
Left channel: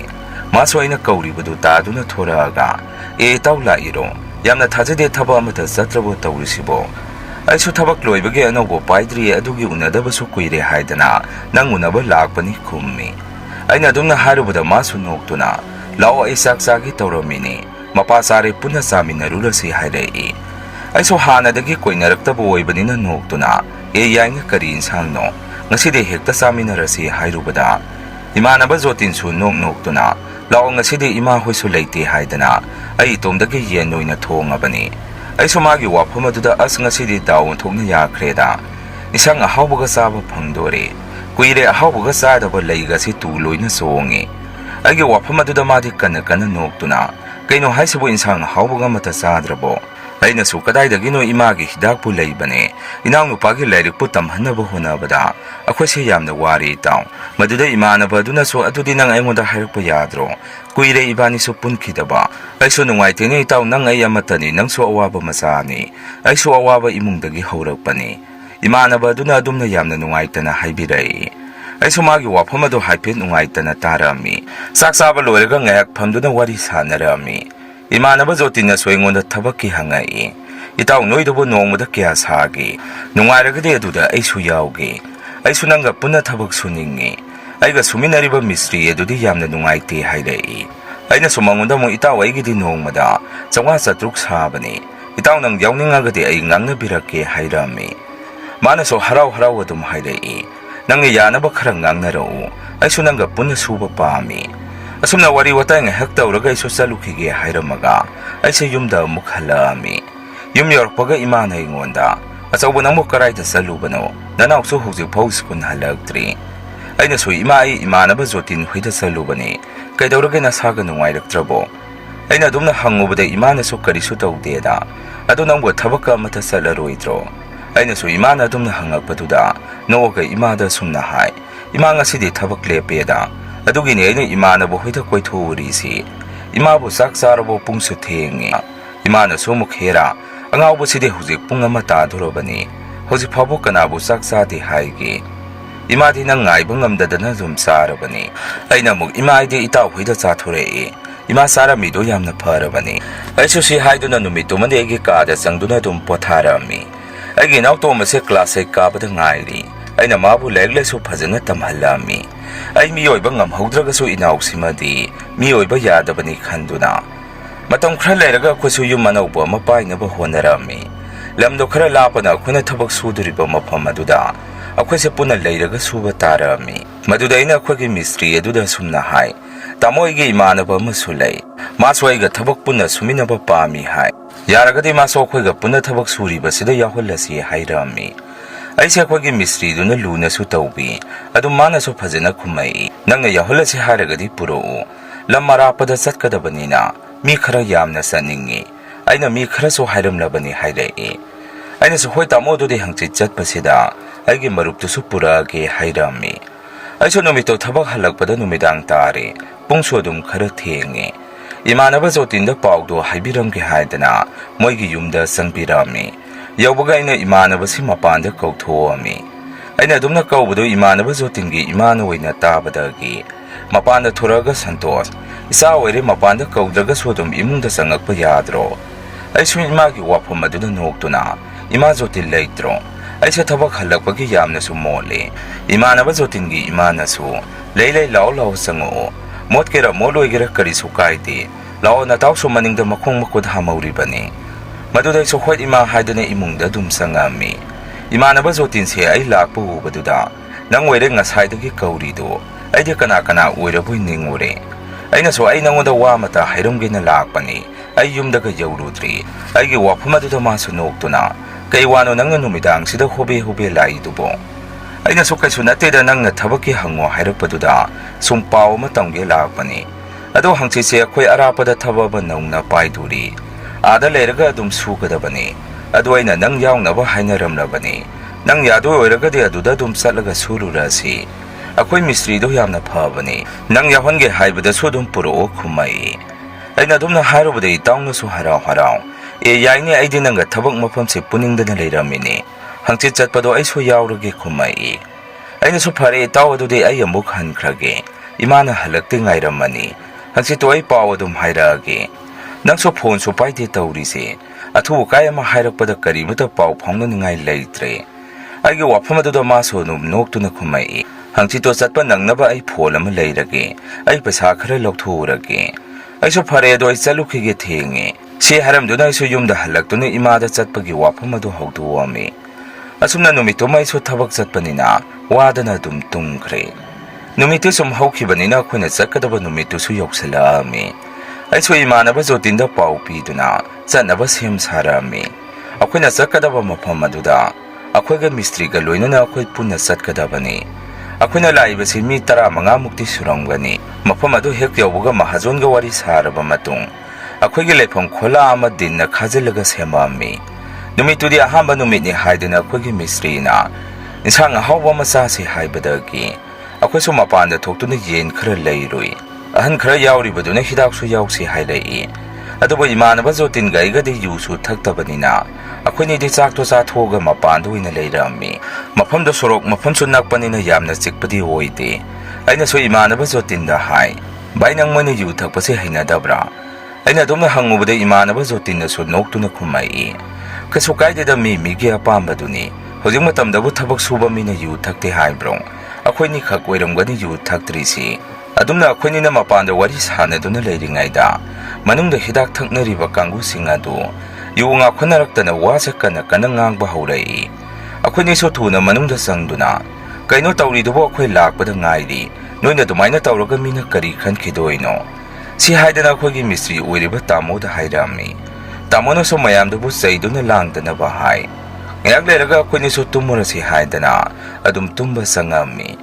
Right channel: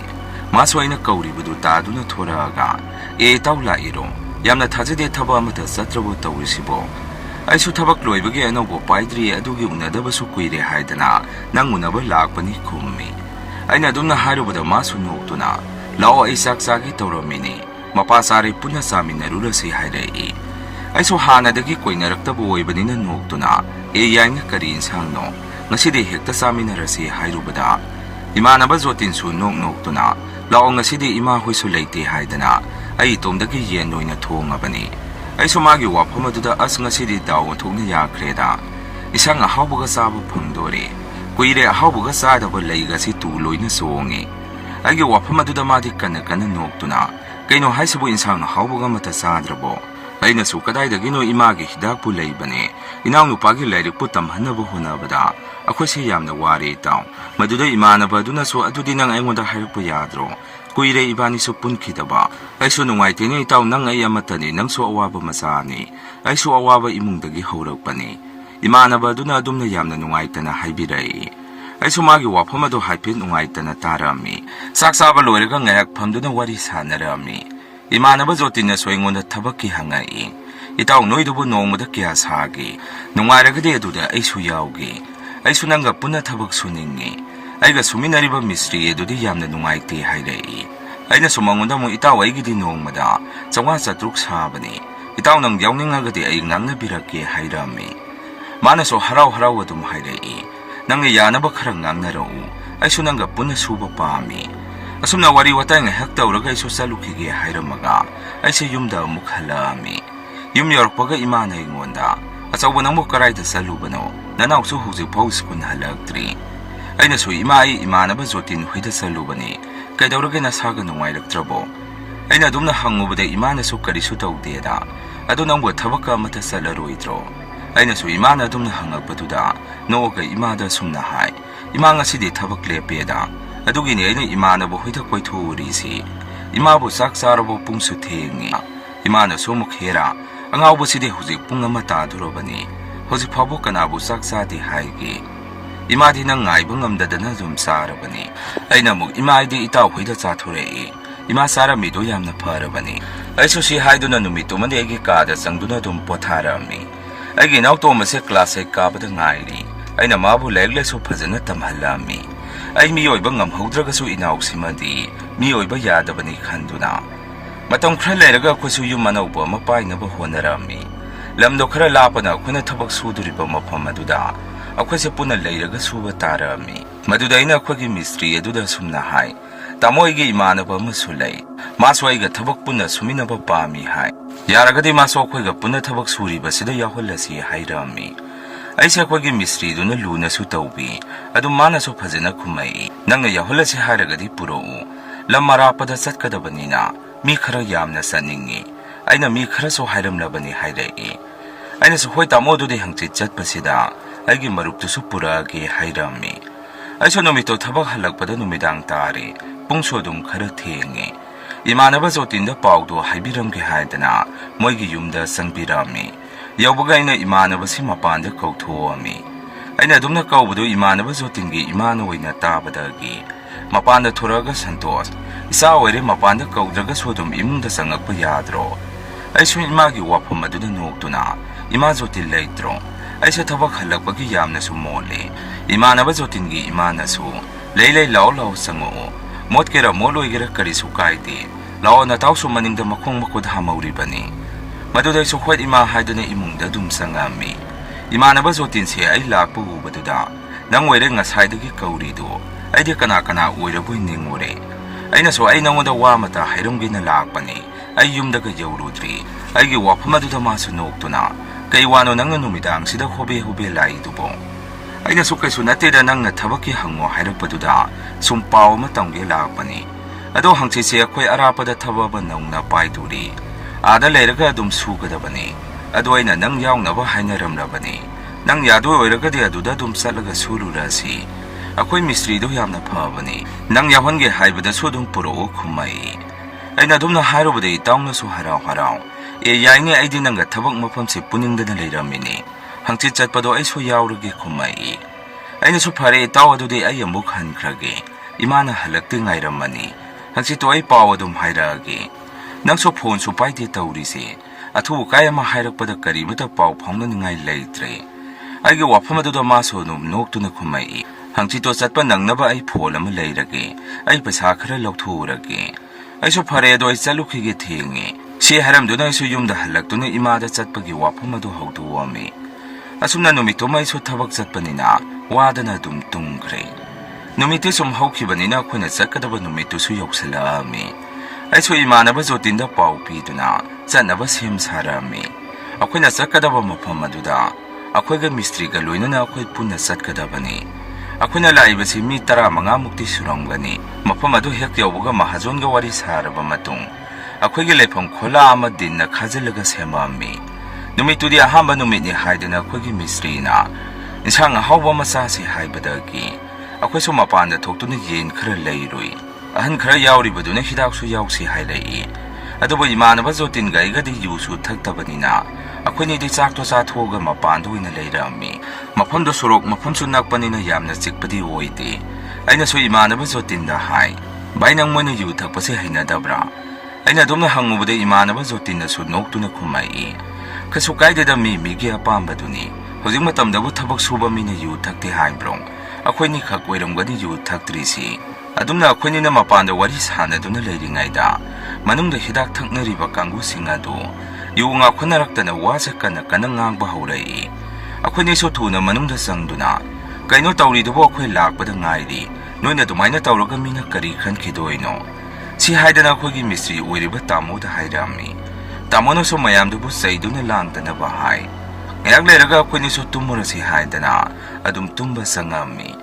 ꯃꯥꯁꯨ ꯑꯩꯅ ꯀꯧꯔꯤꯕꯗꯨ ꯇꯥꯗꯨꯅ ꯊꯣꯔꯛꯑꯒ ꯏꯇꯥꯎ ꯂꯥꯛꯏꯔꯣ ꯌꯥꯝꯅ ꯊꯥꯖꯗꯦ ꯊꯕꯛ ꯑꯃꯇ ꯆꯠꯇ꯭ꯔꯕꯣ ꯇꯧꯔꯤꯁꯤꯕꯣ ꯑꯩꯁꯨ ꯊꯕꯛ ꯂꯣꯏꯕꯒꯤ ꯑꯅꯧꯕ ꯄꯥꯏꯗ꯭ꯔꯤꯌꯦ ꯑꯗꯨꯒꯤ ꯎꯅꯗꯕꯁꯨ ꯀꯨꯏꯔꯦ ꯍꯥꯏꯗꯅ ꯅꯪ ꯎꯅꯕ ꯂꯥꯛꯄꯅꯤ ꯈꯨꯝꯃꯤ ꯑꯩꯅ ꯑꯗꯨꯝꯅ ꯍꯥꯏꯔꯨꯕꯗ ꯃꯥꯁꯨ ꯅꯣꯛꯇꯨꯅ ꯂꯥꯛꯑꯣ ꯑꯩ ꯆꯥꯛ ꯆꯥꯒꯦ ꯇꯧꯔꯝꯃꯤꯅꯤ ꯃꯄꯥ ꯆꯥꯔꯦ ꯄꯨꯟꯅ ꯆꯥꯃꯤꯟꯅꯔꯨꯔꯁꯤ ꯍꯥꯏꯔꯛꯏ ꯑꯩꯁꯨ ꯍꯥꯟꯅꯗꯒꯤ ꯀꯣꯏꯅꯔꯛꯇꯕ ꯑꯣꯏꯕꯅꯤꯅ ꯅꯣꯛꯇꯨꯅ ꯌꯥꯏꯅ ꯀꯔꯤ ꯏꯟꯁꯥꯡꯅꯣ ꯉꯁꯤꯗꯤ ꯍꯦꯛꯇ ꯆꯥꯃꯤꯟꯅꯔꯁꯤ ꯍꯥꯏꯔꯨꯕꯗ ꯏꯃꯥꯟꯅꯕ ꯖꯣꯇꯤꯟꯁꯨ ꯅꯣꯛꯇꯨꯅ ꯂꯥꯛꯑꯣ ꯉꯁꯤꯗꯤ ꯏꯃꯥ ꯍꯣꯏꯁꯨ ꯂꯩꯇꯦ ꯍꯥꯏꯗꯅ ꯑꯩ ꯏꯇꯣꯝꯗꯒꯤ ꯌꯦꯟ ꯑꯣꯏꯅ ꯊꯣꯡꯉꯕꯅꯤ ꯑꯩꯁꯨ ꯃꯥꯒꯤ ꯋꯥꯐꯝ ꯑꯗꯨꯗ ꯑꯁ ꯉꯁꯤꯗꯤ ꯗꯥꯎ ꯑꯣꯟꯊꯣꯛꯅ ꯌꯥꯈ꯭ꯔꯦꯗ ꯏꯟꯁꯥꯡ ꯑꯍꯥꯎꯕꯒ ꯆꯥꯕ ꯐꯪꯗꯣꯔꯦ ꯀꯨꯏꯔꯦ ꯑꯍꯥꯎꯕꯒ ꯆꯥꯗꯕ ꯂꯩꯒꯁꯤ ꯇꯨ ꯂꯣꯏꯅ ꯆꯣꯡꯉꯤ ꯑꯩꯒꯤ ꯋꯥꯐꯝ ꯑꯗꯨꯗ ꯃꯥꯗꯤ ꯀꯟꯅ ꯀꯟꯅ ꯅꯣꯛꯇꯨꯅ ꯀꯩꯅꯣ ꯍꯥꯏꯁꯤꯕꯨ ꯏꯟꯁꯥꯡ ꯑꯍꯥꯎꯕꯒ ꯑꯃꯠꯇ ꯆꯥꯗ꯭ꯔꯕꯣ ꯑꯩꯅꯁꯨ ꯀꯗꯥꯏꯗꯒꯤꯅꯣ ꯏꯃꯥꯒꯤ ꯍꯤꯗꯥꯛꯄꯨ ꯂꯩꯕꯅꯦ ꯏꯅꯥꯎꯅꯨꯄꯥꯒꯤ ꯂꯥꯏꯔꯤꯛꯄꯨ ꯇꯝꯍꯟꯅꯕ ꯍꯣꯠꯅꯕꯗ ꯑꯩꯈꯣꯏꯁꯦ ꯌꯥꯝꯅ ꯋꯥꯔꯦ ꯏꯇꯥꯎ ꯃꯗꯨꯗ ꯏꯃꯥꯟꯅꯕ ꯑꯗꯨꯅꯁꯨ ꯑꯗꯨꯗꯤ ꯅꯪ ꯑꯩꯉꯣꯟꯗ ꯍꯥꯏꯔꯛꯄ ꯌꯥꯗ꯭ꯔꯣ ꯀꯨꯏꯔꯦ ꯏꯕꯥꯅꯤꯁꯨ ꯄꯨꯟꯈꯤꯗꯕ ꯑꯩꯁꯨ ꯅꯨꯡꯉꯥꯏꯇꯦꯅꯦ ꯏꯇꯥꯎ ꯅꯪ ꯑꯩ ꯑꯃꯠꯇꯅꯤ ꯅꯪꯁꯨ ꯑꯋꯥꯕ ꯃꯆꯥꯅꯤ ꯑꯩꯁꯨ ꯑꯋꯥꯕ ꯏꯃꯨꯡꯗꯒꯤ ꯍꯧꯔꯛꯄꯅꯤ ꯏꯃꯥꯟꯅꯕ ꯑꯗꯨꯅ ꯑꯗꯨꯝꯅ ꯌꯥꯝꯅ ꯅꯨꯡꯉꯥꯏꯇꯅ ꯍꯥꯏꯕꯤꯔꯛꯏ ꯑꯩꯁꯨ ꯃꯥꯒꯤ ꯋꯥꯐꯝ ꯑꯗꯨ ꯍꯥꯏꯐꯦꯠ ꯅꯨꯡꯉꯥꯏꯇꯅ ꯇꯥꯔꯛꯑꯝꯃꯤ ꯆꯥꯛ ꯆꯥꯕ ꯂꯣꯏꯔꯒ ꯉꯥꯏꯍꯥꯛ ꯐꯝꯗꯨꯅ ꯋꯥꯔꯤ ꯁꯥꯟꯅꯔꯛꯑꯝꯃꯤ ꯏꯃꯥꯟꯅꯕ ꯖꯣꯇꯤꯟꯅꯁꯨ ꯑꯩꯉꯣꯟꯗ ꯊꯕꯛꯀꯤ ꯍꯪꯉꯛꯏ ꯏꯇꯥꯎ ꯅꯣꯏꯗꯨꯕꯨ ꯅꯣꯡꯃꯗ ꯀꯌꯥ ꯁꯥꯒꯦ ꯅꯨꯡꯉꯥꯏꯔꯒꯗꯤ ꯑꯗꯨꯗ ꯑꯩꯁꯨ ꯌꯥꯎꯒꯦ ꯑꯩꯁꯨ ꯅꯪꯒ ꯄꯨꯟꯅ ꯊꯕꯛ ꯁꯨꯅꯤꯡꯉꯤ ꯑꯩꯒ ꯁꯨꯃꯤꯟꯅꯔꯤꯕ ꯃꯤꯁꯇ꯭ꯔꯤ ꯑꯗꯨꯗꯤ ꯌꯥꯝꯅ ꯅꯨꯡꯉꯥꯏꯇꯦ ꯍꯥꯏꯔꯛꯏ ꯑꯩꯅꯁꯨ ꯃꯉꯣꯟꯗ ꯑꯃꯨꯛ ꯏꯇꯥꯎ ꯑꯩꯒꯤꯗꯤ ꯅꯣꯡꯃꯗ 500-700 ꯁꯥꯕꯅꯤ ꯏꯇꯥꯎ ꯅꯪ ꯌꯥꯎꯅꯤꯡꯉꯒꯗꯤ ꯑꯩ ꯉꯥꯡꯅꯕꯤꯔꯛꯀꯦ ꯍꯥꯏꯔꯝꯃꯤ ꯃꯥꯅꯁꯨ ꯍꯔꯥꯎ ꯍꯔꯥꯎ ꯑꯗꯨꯝ ꯍꯥꯏꯔꯛꯏ ꯅꯪꯅ ꯌꯥꯅꯕ ꯈꯔ ꯉꯥꯡꯅꯔꯛꯎ ꯑꯩꯁꯨ ꯅꯪꯒ ꯄꯨꯟꯅ ꯁꯨꯕ ꯄꯥꯝꯃꯤ ꯑꯁꯨꯝꯅ ꯋꯥꯔꯤ ꯋꯥꯇꯥꯏ ꯉꯥꯏꯍꯥꯛ ꯇꯧꯔꯒ ꯑꯩꯁꯨ ꯆꯠꯂꯨꯈꯤꯒꯦ ꯍꯥꯏꯔꯝꯃꯒ ꯑꯩꯁꯦ ꯌꯨꯝꯗ ꯑꯃꯨꯛ ꯍꯜꯂꯛꯑꯝꯃꯤ ꯌꯨꯝ ꯌꯧꯔꯛꯄꯒ ꯏꯃꯥꯅ ꯑꯩꯉꯣꯟꯗ ꯑꯆꯧꯕ ꯅꯪꯕꯨ ꯀꯔꯥꯏꯗ ꯆꯠꯂꯨꯕꯅꯣ ꯅꯅꯥꯎꯁꯨ ꯍꯧꯖꯤꯛꯐꯥꯎ ꯁ꯭ꯀꯨꯜ ꯍꯜꯂꯛꯇ꯭ꯔꯤ ꯑꯩꯅꯁꯨ ꯏꯃꯥ ꯑꯩ ꯏꯃꯥꯟꯅꯕ ꯖꯣꯇꯤꯟ ꯍꯣꯏꯗ ꯆꯠꯂꯨꯕꯅꯤ ꯀꯩꯗꯧꯔꯒꯦ ꯅꯁꯥꯒ ꯅꯨꯡꯉꯥꯏꯔꯛꯇ꯭ꯔꯕꯣ ꯑꯩꯅ ꯑꯗꯨꯝꯅ ꯍꯪꯉꯨꯕꯗ ꯏꯃꯥꯅꯁꯨ ꯀꯔꯤꯁꯨ ꯇꯧꯗꯦꯗ ꯑꯗꯨ ꯅꯪꯕꯨ ꯊꯕꯛꯀ ꯑꯃꯠꯇ ꯆꯠꯂꯔꯣꯏꯗ꯭ꯔꯣ ꯑꯩꯅꯁꯨ ꯏꯃꯥꯅ ꯑꯗꯨꯝꯅ ꯍꯪꯉꯛꯄꯗꯨꯗ ꯅꯣꯛꯑꯒ ꯏꯃꯥꯗ ꯁꯨꯝꯅ ꯍꯥꯏ ꯏꯃꯥ ꯉꯁꯤꯗꯤ ꯊꯕꯛ ꯂꯦꯞꯄꯦꯗ ꯑꯗꯨꯒꯤꯅꯤ ꯑꯩꯅ ꯏꯃꯥꯟꯅꯕ ꯍꯣꯏꯗ ꯀꯣꯏꯊꯣꯛꯎꯔꯤꯁꯤ ꯏꯃꯥꯕꯨ ꯆꯥꯛ ꯆꯥꯔꯕꯣ ꯄꯨꯡꯁꯨ ꯊꯦꯡꯉꯤ ꯏꯃꯥꯅꯁꯨ ꯑꯃꯨꯛ ꯍꯦꯔꯥ ꯑꯉꯥꯎꯕꯁꯤꯗꯤ ꯍꯧꯖꯤꯛ ꯄꯨꯡ 1 ꯇꯥꯗꯣꯔꯕꯅꯤ ꯍꯧꯖꯤꯛ ꯐꯥꯎꯕ ꯀꯅꯥꯕꯨ ꯆꯥꯛ ꯆꯥꯗꯦ ꯍꯥꯏꯒꯦ ꯏꯃꯥꯗꯤ ꯅꯪ ꯉꯥꯏꯕ ꯉꯝꯗꯗꯅ ꯑꯗꯨꯝ ꯆꯥꯔꯕꯅꯤ ꯑꯩꯅ ꯑꯃꯨꯛ ꯏꯃꯥ ꯑꯩꯗꯤ ꯏꯇꯥꯎ ꯍꯣꯏꯗ ꯆꯥꯊꯣꯔꯛꯏ ꯏꯃꯥ ꯆꯥꯔꯝꯃꯤꯗꯣ ꯌꯥꯝꯅ ꯐꯔꯕꯅꯤ ꯑꯩꯁꯨ ꯁꯤ ꯍꯥꯏꯗꯨꯅ ꯅꯨꯃꯤꯠꯇꯨꯃꯗꯤ ꯑꯩꯒꯤ ꯀꯥꯗ ꯆꯪꯗꯨꯅ ꯑꯗꯨꯝ ꯄꯣꯊꯥꯔꯛꯑꯝꯃꯤ ꯑꯩꯒꯤ ꯏꯅꯥꯎꯇꯣꯝ ꯑꯁꯦ ꯀ꯭ꯂꯥꯁ 8 ꯀꯥꯕꯗ ꯉꯥꯏꯔꯤ ꯑꯩꯅ ꯃꯥꯕꯨ ꯂꯥꯏꯔꯤꯛ ꯂꯥꯏꯁꯨ ꯐꯖꯅ ꯇꯝꯍꯜꯂꯛꯑꯝꯃꯤ ꯑꯩ ꯃꯤꯑꯣꯏꯕ ꯉꯝꯍꯧꯗ꯭ꯔꯒꯁꯨ ꯏꯅꯥꯎꯁꯤꯃꯗꯤ ꯃꯤꯑꯣꯏꯕ ꯌꯥꯗꯕꯅꯤ ꯈꯟꯗꯨꯅ ꯃꯇꯝ ꯈꯔ ꯂꯩꯔꯒ ꯑꯩꯈꯣꯏꯁꯨ ꯌꯨꯝ ꯑꯅꯧꯕ ꯑꯃ ꯄꯥꯏꯅꯕ ꯍꯣꯠꯅꯔꯝꯃꯤ ꯂꯝꯗꯣ ꯈꯔ ꯂꯥꯞꯄꯅ ꯑꯩꯈꯣꯏꯅ ꯊꯕꯛ ꯁꯨꯗꯣꯔꯤꯕ ꯃꯐꯝ ꯑꯗꯨꯗ ꯑꯩꯈꯣꯏꯁꯦ ꯄꯨꯟꯅ ꯂꯩꯔꯒ ꯁꯨꯕ ꯇꯥꯔꯛꯑꯝꯃꯤ ꯃꯗꯨꯗ ꯑꯩꯅ ꯑꯩꯈꯣꯏꯒꯤ ꯃꯤꯁꯇ꯭ꯔꯤ ꯑꯗꯨꯗ ꯁꯨꯝꯅ ꯍꯥꯏ ꯇꯥꯃꯣ ꯑꯩꯒꯤ ꯏꯃꯥꯟꯅꯕ ꯑꯃꯁꯨ ꯂꯩ ꯃꯥꯁꯨ ꯑꯩꯒ ꯊꯕꯛ ꯄꯨꯟꯅ ꯁꯨꯃꯤꯟꯅꯕ ꯄꯥꯝꯃꯤ ꯍꯥꯏ ꯌꯥꯔꯒꯗꯤ ꯃꯥꯁꯨ ꯑꯩꯈꯣꯏꯒ ꯄꯨꯟꯅ ꯊꯕꯛ ꯁꯨꯔꯤꯕꯁꯤꯗ ꯌꯥꯎꯍꯜꯂꯁꯤ ꯍꯥꯏꯔꯝꯃꯤ ꯑꯩꯁꯦ ꯑꯩꯈꯣꯏꯒꯤ ꯃꯤꯁꯇ꯭ꯔꯤꯗꯨꯅ ꯂꯨꯅꯁꯨ ꯇꯧꯕꯤ ꯑꯗꯨꯝ ꯃꯥꯅꯁꯨ ꯐꯖꯅ ꯈꯨꯝꯃꯛꯏ ꯅꯪꯅ ꯌꯥꯎꯍꯜꯂꯁꯤ ꯍꯥꯏꯔꯒꯗꯤ ꯄꯨꯔꯛꯎ ꯂꯝ ꯑꯔꯥꯞꯄꯗ ꯆꯠꯀꯗꯕꯅꯤꯅ ꯃꯤ ꯈꯔ ꯌꯥꯝꯅ ꯆꯠꯅꯤꯡꯉꯤ ꯑꯩꯅ ꯃꯤ ꯈꯔꯁꯨ ꯍꯥꯏꯔꯝꯂꯕꯅꯤ ꯍꯥꯏꯔꯛꯏ꯫ ꯑꯩꯅꯁꯨ ꯍꯣꯏ ꯇꯥꯃꯣ ꯑꯗꯨꯗꯤ ꯍꯪꯆꯤꯠ ꯆꯠꯄꯁꯤꯗ ꯑꯩꯒꯤ ꯃꯔꯨꯞꯇꯨꯁꯨ ꯄꯨꯔꯛꯑꯒꯦ ꯍꯥꯏꯔꯝꯃꯤ꯫ ꯑꯩꯁꯨ ꯅꯨꯃꯤꯠꯇꯣ ꯊꯕꯛ ꯍꯜꯂꯛꯄꯗ ꯅꯨꯃꯤꯗꯥꯡ ꯇꯥꯔꯦ, ꯄꯨꯡꯁꯨ ꯑꯗꯨꯝ ꯈꯔ ꯊꯦꯡꯉꯦ꯫ ꯏꯃꯥꯟꯅꯕ ꯖꯣꯇꯤꯟꯗ ꯄꯥꯎꯗꯣ ꯍꯥꯏꯕꯤꯔꯝꯒꯦ ꯍꯥꯏꯗꯅ ꯃꯣꯏꯒꯤ ꯌꯨꯝꯗ ꯆꯪꯕꯤꯔꯝꯃꯤ꯫ ꯌꯧꯕꯒ ꯑꯩꯅ ꯏꯃꯥꯟꯅꯕꯁꯤ ꯃꯄꯥꯟꯗ ꯀꯧꯊꯣꯛꯑꯝꯃꯤ꯫ ꯑꯩꯅ ꯑꯗꯨꯝꯅ ꯀꯧꯕꯗꯨ ꯏꯃꯥꯟꯅꯕ ꯖꯣꯇꯤꯟꯒꯤ ꯏꯃꯥꯅ ꯑꯣꯏꯅ ꯇꯥꯕꯗꯒꯤ ꯃꯄꯥꯟꯗ ꯊꯣꯔꯛꯑꯒ ꯁꯟꯇꯣꯁ, ꯏꯆꯥ ꯑꯣꯏꯔꯦ ꯃꯄꯥꯟꯗ ꯀꯧꯗ꯭ꯔꯒꯁꯨ ꯑꯗꯨꯝ ꯏꯃꯨꯡꯗ ꯆꯪꯉꯛꯄ ꯌꯥꯗ꯭ꯔꯣ? ꯑꯩꯁꯨ ꯏꯃꯥꯒꯤ ꯋꯥꯐꯝ ꯑꯗꯨꯗ ꯅꯣꯛꯇꯨꯅ, ꯏꯃꯥ ꯖꯣꯇꯤꯟ ꯂꯩꯇ꯭ꯔꯣ? ꯑꯩꯁꯦ ꯊꯕꯛ ꯍꯜꯂꯛꯄꯒꯤ ꯌꯥꯝꯅꯁꯨ ꯃꯣꯠꯂꯦ꯫ ꯏꯃꯥꯟꯅꯕ ꯖꯣꯇꯤꯟꯒꯤ ꯏꯃꯥꯅꯁꯨ ꯂꯩ ꯂꯥꯛꯑꯣ ꯂꯥꯛꯑꯣ ꯆꯪꯉꯛꯑꯣ, ꯃꯣꯠꯀꯦꯔꯥ ꯃꯣꯠꯂꯣꯏꯒꯦꯔꯥ ꯀꯔꯤꯁꯨ ꯀꯥꯏꯗꯦ, ꯂꯥꯛꯑꯣ ꯅꯇꯥꯎꯁꯨ ꯃꯅꯤꯡꯗ ꯃꯈꯣꯡ ꯃꯈꯨꯠ ꯍꯥꯝꯍꯧꯔꯤꯕꯅꯤ꯫ ꯃꯗꯨꯗꯩꯁꯨ ꯍꯣꯏ ꯏꯃꯥ ꯍꯥꯏꯗꯨꯅ ꯏꯃꯨꯡꯗ ꯑꯗꯨꯝ ꯆꯪꯉꯝꯃꯤ꯫ ꯏꯃꯥꯟꯅꯕ ꯖꯣꯇꯤꯟꯁꯦ ꯑꯩ ꯂꯥꯛꯄ ꯎꯕꯗꯨꯗ ꯅꯪ ꯑꯣꯏꯔꯦ ꯉꯁꯥꯏꯗꯒꯤ ꯀꯧꯔꯤꯗꯣ, ꯑꯩꯗꯤ ꯀꯅꯥ ꯑꯣꯏꯔꯕꯣꯏ ꯅꯤꯡꯉꯨꯔꯦ꯫ ꯑꯩꯅꯁꯨ ꯑꯩ ꯅꯉꯣꯟꯗ ꯋꯥ ꯑꯃꯇ ꯍꯥꯏꯔꯝꯒꯦꯅ ꯂꯥꯛꯄꯅꯤ, ꯑꯩ ꯌꯨꯝꯗꯒ ꯌꯧꯔꯨꯗ꯭ꯔꯤ꯫ ꯑꯩꯒꯤ ꯋꯥꯐꯝ ꯑꯗꯨꯗ ꯃꯥꯁꯨ ꯅꯣꯛꯇꯨꯅ, ꯀꯩ ꯋꯥꯅꯣ ꯅꯪꯅ ꯅꯨꯃꯤꯗꯥꯡꯁꯤꯗ ꯍꯣꯕꯦ ꯍꯣꯕꯦ ꯂꯥꯛꯏꯗꯨꯕꯣ? ꯑꯩꯅꯁꯨ ꯀꯩꯁꯨ ꯅꯠꯇꯦꯗ, ꯅꯪꯅ ꯊꯕꯛꯀꯤ ꯍꯪꯉꯣ ꯍꯥꯏꯔꯛꯄꯗꯨꯗ ꯁꯨꯝ ꯄꯥꯎ ꯑꯃ ꯇꯝꯒꯦ ꯂꯥꯛꯄꯅꯤ꯫ ꯑꯗꯣ ꯍꯪꯆꯤꯠꯁꯦ ꯑꯩꯈꯣꯏ ꯑꯔꯥꯞꯄꯗ ꯊꯕꯛ ꯑꯃ ꯅꯧꯅ ꯄꯥꯏꯗꯣꯔꯤ, ꯑꯥꯗ ꯂꯩꯔꯒ ꯑꯗꯨꯝ ꯁꯨꯒꯗꯕꯅꯤ꯫ ꯑꯗꯣ ꯑꯩꯅ ꯅꯪ ꯌꯥꯎꯅꯕ ꯍꯥꯏꯅꯔꯝꯂꯕꯅꯤ꯫ ꯅꯪ ꯌꯥꯗꯣꯏ ꯑꯣꯏꯔꯒꯗꯤ ꯑꯗꯨꯗ ꯑꯗꯨꯝ ꯆꯠꯂꯒ ꯁꯨꯔꯨꯔꯁꯤ꯫ ꯑꯩꯈꯣꯏ ꯃꯤꯁꯇ꯭ꯔꯤꯗꯣ ꯌꯥꯝꯅ ꯐꯕꯅꯤ, ꯅꯪ ꯌꯥꯎꯍꯟꯒꯦ ꯍꯥꯏꯕꯗꯁꯨ ꯑꯗꯨꯝ ꯄꯨꯔꯛꯑꯣ ꯈꯨꯝꯃꯛꯏ꯫ ꯑꯩꯅ ꯑꯗꯨꯝꯅ ꯍꯥꯏꯔꯨꯕꯗ ꯏꯇꯥꯎꯅꯁꯨ ꯍꯔꯥꯎ ꯌꯥꯏꯅꯦ, ꯑꯩꯗꯤ ꯅꯪꯒ ꯊꯕꯛ ꯃꯐꯝꯁꯦ ꯄꯨꯅꯤꯡꯗꯅ ꯂꯩꯔꯝꯃꯤꯅꯤ, ꯍꯪꯆꯤꯠ ꯆꯠꯄꯗꯣ ꯑꯩꯁꯨ ꯌꯥꯎꯔꯒꯦ ꯈꯨꯝꯃꯛꯏ꯫ ꯑꯩꯅꯁꯨ ꯐꯔꯦ ꯏꯇꯥꯎ, ꯑꯗꯨꯗꯤ ꯑꯩ ꯑꯃꯨꯛ ꯍꯟꯈ꯭ꯔꯒꯦ, ꯏꯃꯥꯅ ꯍꯜꯂꯛꯇꯦ ꯉꯥꯏꯔꯝꯃꯅꯤ, ꯍꯪꯆꯤꯠꯇꯣ ꯑꯩ ꯄꯥꯎ ꯑꯗꯨꯝ ꯍꯥꯏꯔꯛꯑꯒꯦ꯫ ꯅꯪꯁꯨ ꯐꯣꯟꯁꯨ ꯄꯥꯏꯗꯦ ꯇꯧꯔꯤꯁꯦ, ꯑꯊꯨ ꯑꯀꯥꯏ ꯑꯃ ꯍꯥꯏꯔꯛꯄꯗ ꯀꯔꯤꯃꯇ ꯄꯥꯎ ꯐꯥꯎꯅꯅꯤꯡꯉꯥꯏ ꯂꯩꯇ꯭ꯔꯦ꯫ ꯑꯩꯒꯤ ꯋꯥꯐꯝ ꯑꯗꯨꯗ ꯃꯥꯁꯨ ꯑꯗꯨꯝ ꯅꯣꯛꯇꯨꯅ ꯈꯨꯝꯃꯛꯏ꯫ ꯍꯪꯆꯤꯠꯇꯣ ꯆꯠꯄ ꯅꯪꯅꯕ ꯑꯩ ꯐꯣꯟ ꯑꯃ ꯂꯩꯔꯒꯦ, ꯑꯩ ꯄꯩꯁꯥ ꯈꯔ ꯂꯧꯊꯣꯛꯎꯔꯒꯦ꯫ ꯑꯩꯁꯨ ꯐꯔꯦ ꯑꯗꯣ ꯑꯩ ꯆꯠꯂꯨꯈꯤꯒꯦ ꯊꯦꯡꯉꯦ꯫ ꯁꯤ ꯍꯥꯏꯔꯝꯗꯨꯅ ꯑꯩꯁꯨ ꯌꯨꯝꯗ ꯍꯜꯂꯛꯇꯨꯅ ꯏꯃꯥꯗ ꯆꯠꯄꯒꯤ ꯋꯥꯐꯝ ꯑꯗꯨ ꯍꯧꯗꯣꯛꯑꯝꯃꯤ꯫ ꯑꯁꯨꯝꯅ ꯅꯨꯃꯤꯠꯇꯨꯃ ꯑꯩꯁꯨ ꯊꯕꯛ ꯆꯠꯄꯅꯤꯅ ꯋꯥꯗꯅ ꯑꯗꯨꯝ ꯇꯨꯝꯈ꯭ꯔꯦ꯫ ꯅꯨꯃꯤꯠꯇꯤ ꯁꯨꯝ ꯍꯧꯈꯤꯕꯅꯤꯅ ꯑꯩꯈꯣꯏꯅ ꯆꯠꯀꯗꯕ ꯅꯨꯃꯤꯠꯇꯨꯁꯨ ꯌꯧꯁꯤꯜꯂꯛꯑꯝꯃꯤ꯫ ꯑꯩꯁꯨ ꯏꯃꯥꯟꯅꯕ ꯖꯣꯇꯤꯟꯗ ꯄꯥꯎ ꯄꯤꯗꯨꯅ ꯆꯠꯅꯕ ꯁꯦꯝ ꯁꯥꯔꯛꯑꯝꯃꯤ꯫ ꯑꯩꯈꯣꯏꯅ ꯆꯠꯀꯗꯕ ꯃꯐꯝ ꯑꯗꯨꯗ ꯑꯩꯈꯣꯏꯒ ꯃꯤꯁꯇ꯭ꯔꯤꯒ ꯂꯣꯏꯅꯅ ꯑꯩꯈꯣꯏ ꯄꯨꯟꯅ ꯆꯠꯀꯗꯕꯅꯤ꯫ ꯑꯩꯈꯣꯏꯅ ꯂꯥꯛꯏꯕꯁꯤ ꯃꯤ 15ꯃꯨꯛꯇꯤ ꯁꯨꯔꯝꯒꯅꯤ꯫ ꯃꯐꯝ ꯑꯗꯨ ꯍꯦꯛ ꯌꯧꯕꯒ ꯃꯍꯥꯖꯣꯟꯒ ꯋꯥꯔꯤ ꯁꯥꯔꯕ ꯃꯇꯨꯡ ꯑꯩꯈꯣꯏꯒꯤ ꯂꯩꯐꯝ ꯈꯣꯜꯂꯥ ꯑꯃ ꯗꯤꯟꯅ ꯈꯥꯖꯤꯜꯂꯒ ꯁꯦꯝꯃꯛꯑꯝꯃꯤ꯫ ꯅꯨꯃꯤꯠꯇꯨꯗꯤ ꯑꯍꯥꯟꯕ ꯅꯨꯃꯤꯠꯅꯤ ꯍꯥꯏꯗꯅ ꯑꯩꯈꯣꯏꯒꯤ ꯃꯤꯁꯇ꯭ꯔꯤꯅ ꯏꯟꯁꯥꯡ ꯑꯍꯥꯎꯕ ꯑꯃ ꯆꯥꯁꯤ ꯍꯥꯏꯕꯗꯒꯤ ꯑꯩꯈꯣꯏꯁꯨ ꯃꯄꯥꯟꯗ ꯊꯣꯛꯇꯨꯅ ꯌꯦꯟ ꯈꯔ ꯂꯩꯔꯨꯏ꯫ ꯑꯍꯟ ꯈꯔ ꯌꯥꯎꯔꯤꯕꯗꯨꯅ ꯍꯤꯗꯥꯛꯁꯨ ꯌꯥꯎꯁꯤ ꯍꯥꯏꯔꯛꯏ꯫ ꯑꯗꯨꯕꯨ ꯏꯃꯥꯟꯅꯕ ꯖꯣꯇꯤꯟꯒ ꯑꯩꯒꯗꯤ ꯌꯨꯁꯨ ꯊꯛꯇꯕꯅꯤꯅ ꯑꯩꯈꯣꯏꯅꯤꯗꯤ ꯆꯥꯛꯇꯣ ꯆꯥꯊꯣꯛꯑꯒ ꯃꯄꯥꯟꯗ ꯑꯣꯏꯅ ꯂꯩꯔꯝꯃꯤ꯫ ꯃꯐꯝꯗꯣ ꯁꯣꯔꯣꯛ ꯃꯐꯝꯁꯨ ꯅꯛꯄꯅꯤꯅ ꯌꯥꯝꯅ ꯆꯤꯛꯄꯗꯤ ꯑꯣꯏꯗꯦ꯫ ꯑꯩꯅꯁꯨ ꯏꯃꯥꯟꯅꯕ ꯖꯣꯇꯤꯟꯗ ꯍꯥꯏ, ꯚꯥꯏ ꯅꯪ ꯃꯣꯏꯅ ꯌꯨ ꯊꯛꯄꯁꯦ ꯍꯩꯅꯗꯕ꯭ꯔꯥ? ꯑꯩꯅ ꯑꯗꯨꯝꯅ ꯍꯪꯉꯨꯕꯗ ꯏꯃꯥꯟꯅꯕ ꯖꯣꯇꯤꯟꯅꯁꯨ ꯅꯣꯛꯇꯨꯅ ꯈꯨꯝꯃꯛꯏ, ꯀꯩꯁꯨ ꯀꯥꯏꯗꯦꯗ, ꯃꯤꯒꯤ ꯑꯄꯥꯝꯕꯗꯨꯅꯤ꯫ ꯍꯧꯖꯤꯛ ꯃꯇꯝꯗꯕꯨ ꯊꯕꯛ ꯁꯨꯕ ꯃꯤꯅ ꯌꯨ ꯊꯛꯇꯦ ꯍꯥꯏꯕ꯭ꯔꯣ? ꯑꯩꯈꯣꯏꯅꯤꯈꯛ ꯑꯣꯏꯔꯝꯒꯅꯤ ꯌꯨ ꯊꯛꯇ꯭ꯔꯤꯁꯤ꯫ ꯑꯗꯨꯝꯅ ꯑꯩꯈꯣꯏꯅꯤꯅ ꯃꯄꯥꯟꯗ ꯋꯥꯔꯤ ꯁꯥꯟꯅꯗꯨꯅ ꯂꯩꯔꯤꯉꯩꯗ ꯃꯅꯨꯡꯗ ꯍꯤꯗꯥꯛ ꯊꯛꯅꯔꯤꯕ ꯀꯥꯡꯕꯨꯁꯤꯡ ꯑꯗꯨ ꯌꯨ ꯉꯥꯎꯈꯠꯅꯔꯛꯇꯅ ꯋꯥꯁꯦ ꯀꯟꯅ ꯀꯟꯅ ꯉꯥꯡꯕ ꯍꯧꯔꯛꯏ꯫ ꯑꯩꯈꯣꯏꯅꯤꯁꯨ ꯊꯨꯅ ꯃꯅꯨꯡꯗ ꯆꯪꯗꯨꯅ, ꯀꯩꯅꯣ ꯇꯧꯔꯤꯗꯨꯕꯨ, ꯑꯩꯈꯣꯏ ꯂꯥꯛꯄꯗ ꯉꯥꯏꯔꯤ, ꯅꯣꯏꯅ ꯑꯗꯨꯃꯥꯏꯅ ꯇꯧꯔꯒ ꯃꯤꯅ ꯀꯔꯤ ꯈꯟꯈꯤꯗꯣꯏꯅꯣ? ꯁꯤ ꯍꯥꯏꯗꯅ ꯑꯩꯈꯣꯏꯒꯤ ꯃꯤꯁꯇ꯭ꯔꯤ ꯑꯣꯏꯔꯤꯕ ꯇꯥꯃꯣꯗ ꯍꯥꯏꯔꯝꯃꯤ꯫ ꯇꯥꯃꯣꯅꯁꯨ ꯃꯌꯥꯝꯗꯨꯕꯨ ꯆꯩꯗꯨꯅ ꯂꯥꯡꯗꯅꯕ ꯍꯥꯏ꯫ ꯉꯥꯏꯍꯥꯛ ꯂꯩꯔꯒ ꯑꯩꯈꯣꯏꯅꯤꯁꯨ ꯇꯨꯝꯃꯨꯔꯁꯤ ꯍꯥꯏꯗꯅ ꯑꯗꯨꯝ ꯇꯨꯝꯕ ꯆꯪꯉꯝꯃꯤ꯫